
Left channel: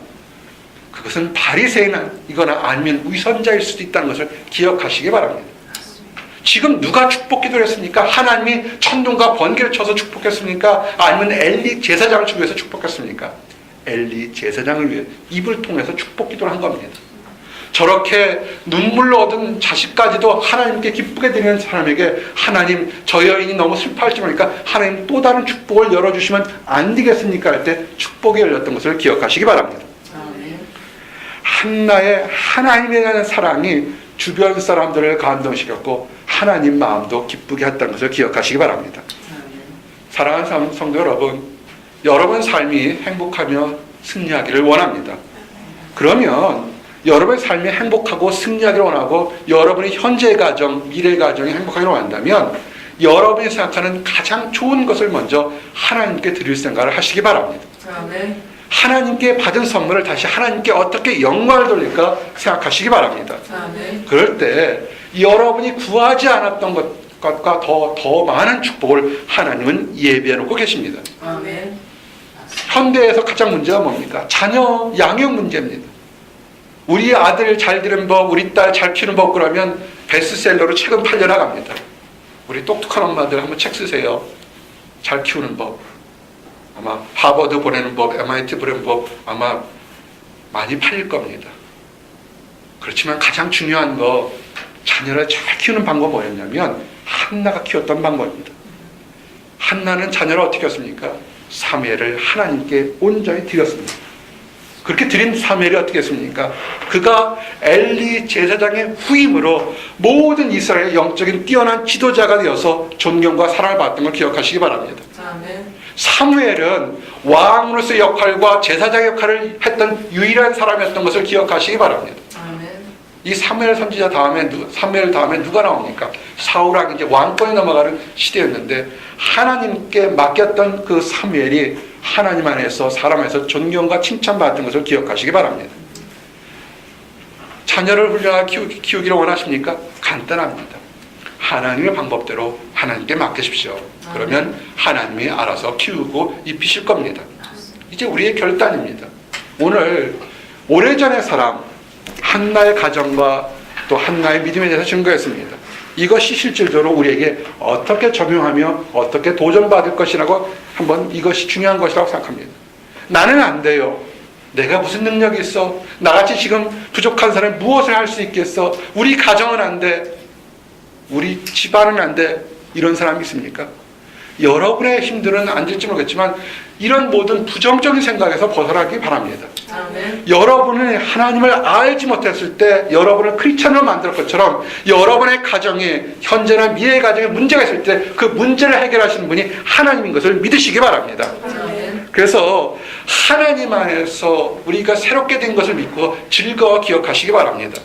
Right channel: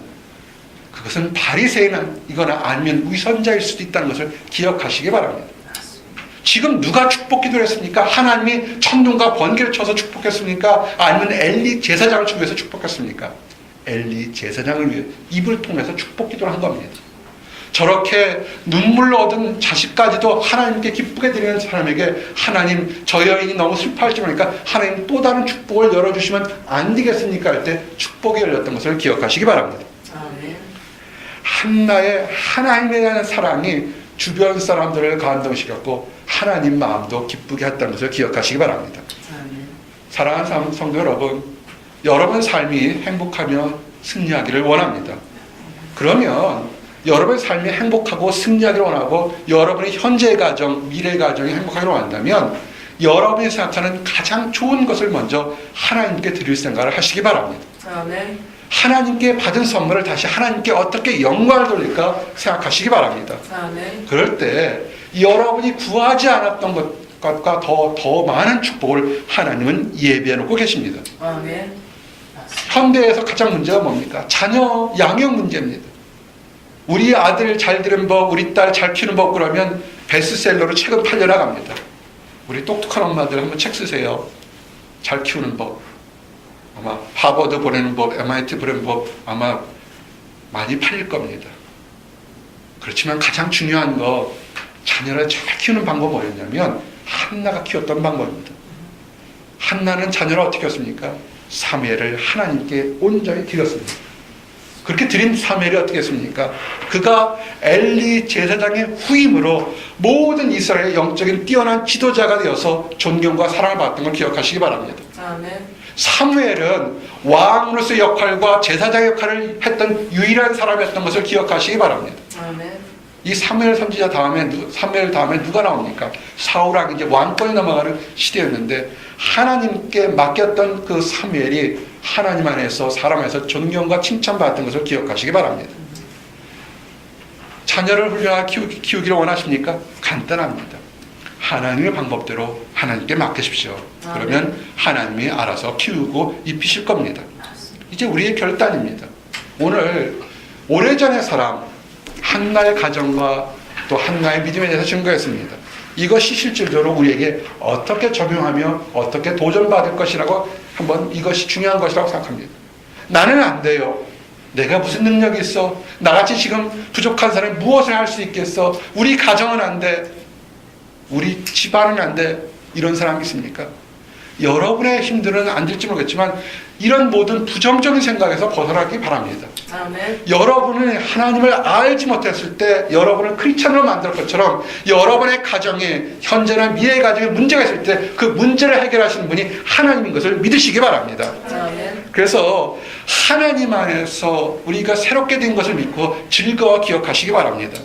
그것은 바리새인이거나 아니면 위선자일 수도 있다는 것을 기억하시기 바랍니다. 지금 누가 축복 기도를 했습니까? 하나님이 천둥과 번개를 쳐서 축복했습니까? 아니면 엘리 제사장을 위해서 축복했습니까? 엘리 제사장을 위해 입을 통해서 축복 기도를 한 겁니다. 저렇게 눈물로 얻은 자식까지도 하나님께 기쁘게 드리는 사람에게 하나님, 저 여인이 너무 슬퍼할지 모르니까 하나님 또 다른 축복을 열어주시면 안 되겠습니까? 할 때 축복이 열렸던 것을 기억하시기 바랍니다. 한나의 하나님에 대한 사랑이 주변 사람들을 감동시켰고 하나님 마음도 기쁘게 했다는 것을 기억하시기 바랍니다. 사랑하는 성도 여러분, 여러분 삶이 행복하며 승리하기를 원합니다. 그러면 여러분의 삶이 행복하고 승리하기를 원하고 여러분의 현재 가정, 미래 가정이 행복하기를 원한다면 여러분이 생각하는 가장 좋은 것을 먼저 하나님께 드릴 생각을 하시기 바랍니다. 하나님께 받은 선물을 다시 하나님께 어떻게 영광을 돌릴까 생각하시기 바랍니다. 그럴 때 여러분이 구하지 않았던 것과 더 많은 축복을 하나님은 예비해 놓고 계십니다. 현대에서 가장 문제가 뭡니까? 자녀 양육 문제입니다. 우리 아들 잘 기르는 법, 우리 딸 잘 키우는 법 그러면 베스트셀러로 책은 팔려나갑니다. 우리 똑똑한 엄마들 한번 책 쓰세요. 잘 키우는 법. 아마 하버드 보내는 법, MIT 보내는 법 아마 많이 팔릴 겁니다. 그렇지만 가장 중요한 거, 자녀를 잘 키우는 방법은 뭐였냐면 한나가 키웠던 방법입니다. 한나는 자녀를 어떻게 키웠습니까? 사무엘을 하나님께 온전히 드렸습니다. 그렇게 드린 사무엘이 어떻게 했습니까? 그가 엘리 제사장의 후임으로 모든 이스라엘의 영적인 뛰어난 지도자가 되어서 존경과 사랑을 받았던 걸 기억하시기 바랍니다. 아멘. 사무엘은 왕으로서의 역할과 제사장의 역할을 했던 유일한 사람이었던 것을 기억하시기 바랍니다. 아멘. 이 사무엘 선지자 사무엘 다음에 누가 나옵니까? 사울왕이 이제 왕권에 넘어가는 시대였는데 하나님께 맡겼던 그 사무엘이 하나님 안에서 사람 안에서 존경과 칭찬받았던 것을 기억하시기 바랍니다. 자녀를 훌륭하게 키우기를 원하십니까? 간단합니다. 하나님의 방법대로 하나님께 맡기십시오. 그러면 하나님이 알아서 키우고 입히실 겁니다. 이제 우리의 결단입니다. 오늘 오래전의 사람 한나의 가정과 또 한나의 믿음에 대해서 증거했습니다. 이것이 실질적으로 우리에게 어떻게 적용하며 어떻게 도전받을 것이라고 한번 이것이 중요한 것이라고 생각합니다. 나는 안 돼요. 내가 무슨 능력이 있어? 나같이 지금 부족한 사람이 무엇을 할 수 있겠어? 우리 가정은 안 돼. 우리 집안은 안 돼. 이런 사람이 있습니까? 여러분의 힘들은 안 될지 모르겠지만 이런 모든 부정적인 생각에서 벗어나기 바랍니다. 아멘. 여러분은 하나님을 알지 못했을 때 여러분을 크리스찬으로 만들 것처럼 여러분의 가정에 현재나 미래의 가정에 문제가 있을 때 그 문제를 해결하시는 분이 하나님인 것을 믿으시기 바랍니다. 아멘. 그래서 하나님 안에서 우리가 새롭게 된 것을 믿고 즐거워 기억하시기 바랍니다.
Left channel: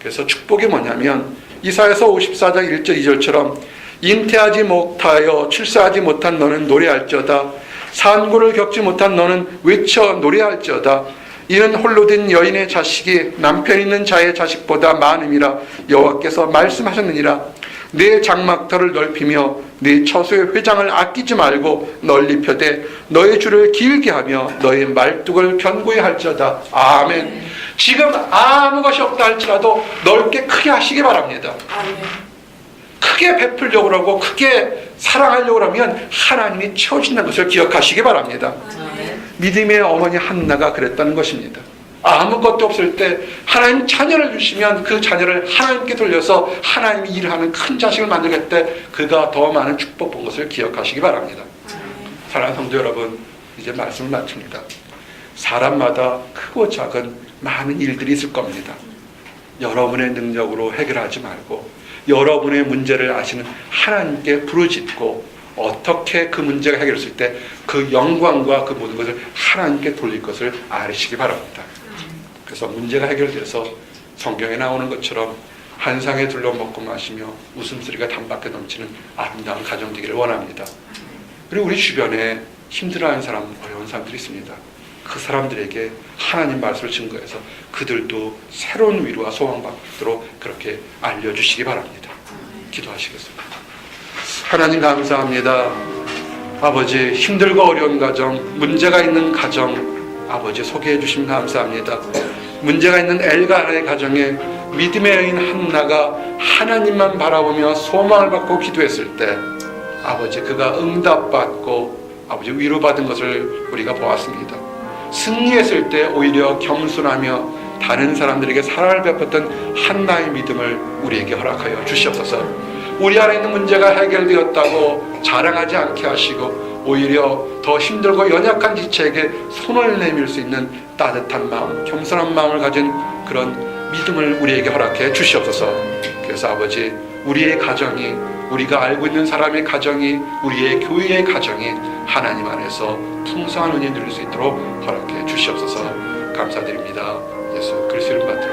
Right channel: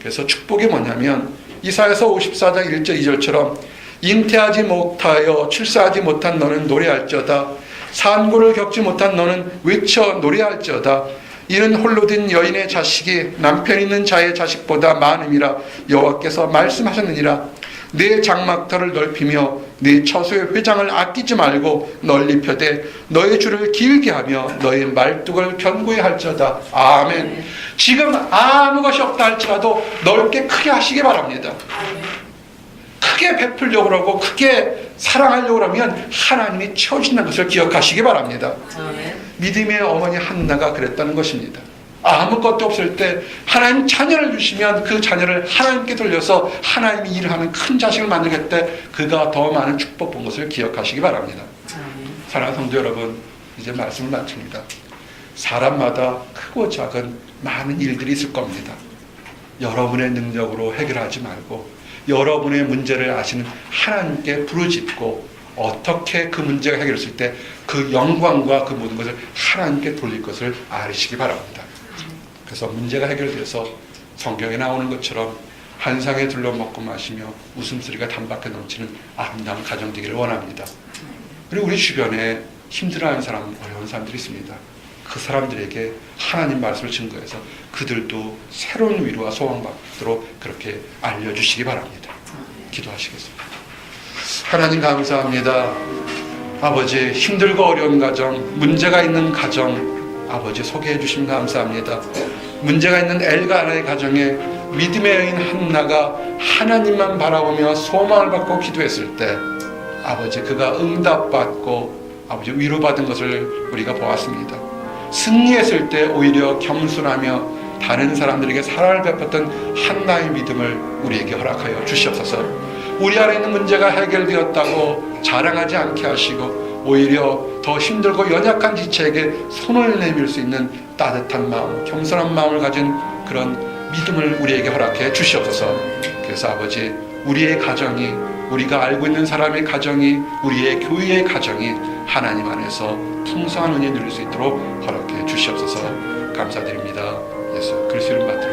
그래서 축복이 뭐냐면 이사야서 54장 1절 2절처럼 잉태하지 못하여 출산하지 못한 너는 노래할지어다. 산고를 겪지 못한 너는 외쳐 노래할지어다. 이는 홀로 된 여인의 자식이 남편 있는 자의 자식보다 많음이라 여호와께서 말씀하셨느니라. 내 장막터를 넓히며 네 처소의 회장을 아끼지 말고 널리 펴되 너의 줄을 길게 하며 너의 말뚝을 견고히 할지어다. 아멘. 지금 아무 것이 없다 할지라도 넓게 크게 하시기 바랍니다. 아멘. 크게 베풀려고 하고 크게 사랑하려고 하면 하나님이 채워준다는 것을 기억하시기 바랍니다. 아멘. 믿음의 어머니 한나가 그랬다는 것입니다. 아무것도 없을 때 하나님 자녀를 주시면 그 자녀를 하나님께 돌려서 하나님이 일하는 큰 자식을 만들겠대 그가 더 많은 축복 본 것을 기억하시기 바랍니다. 사랑하는 성도 여러분, 이제 말씀을 마칩니다. 사람마다 크고 작은 많은 일들이 있을 겁니다. 여러분의 능력으로 해결하지 말고 여러분의 문제를 아시는 하나님께 부르짖고 어떻게 그 문제가 해결됐을 때 그 영광과 그 모든 것을 하나님께 돌릴 것을 아시기 바랍니다. 그래서 문제가 해결돼서 성경에 나오는 것처럼 한상에 둘러먹고 마시며 웃음소리가 단박에 넘치는 아름다운 가정 되기를 원합니다. 그리고 우리 주변에 힘들어하는 사람, 어려운 사람들이 있습니다. 그 사람들에게 하나님 말씀을 증거해서 그들도 새로운 위로와 소망받도록 그렇게 알려주시기 바랍니다. 기도하시겠습니다. 하나님 감사합니다. 아버지, 힘들고 어려운 가정, 문제가 있는 가정 아버지 소개해 주시면 감사합니다. 문제가 있는 엘가나의 가정에 믿음의 여인 한나가 하나님만 바라보며 소망을 받고 기도했을 때 아버지 그가 응답받고 아버지 위로받은 것을 우리가 보았습니다. 승리했을 때 오히려 겸손하며 다른 사람들에게 사랑을 베풀었던 한나의 믿음을 우리에게 허락하여 주시옵소서. 우리 안에 있는 문제가 해결되었다고 자랑하지 않게 하시고 오히려 더 힘들고 연약한 지체에게 손을 내밀 수 있는 따뜻한 마음, 겸손한 마음을 가진 그런 믿음을 우리에게 허락해 주시옵소서. 그래서 아버지 우리의 가정이 우리가 알고 있는 사람의 가정이 우리의 교회의 가정이 하나님 안에서 풍성한 은혜 누릴 수 있도록 허락해 주시옵소서. 감사드립니다. 예수 그리스도 이름 받들어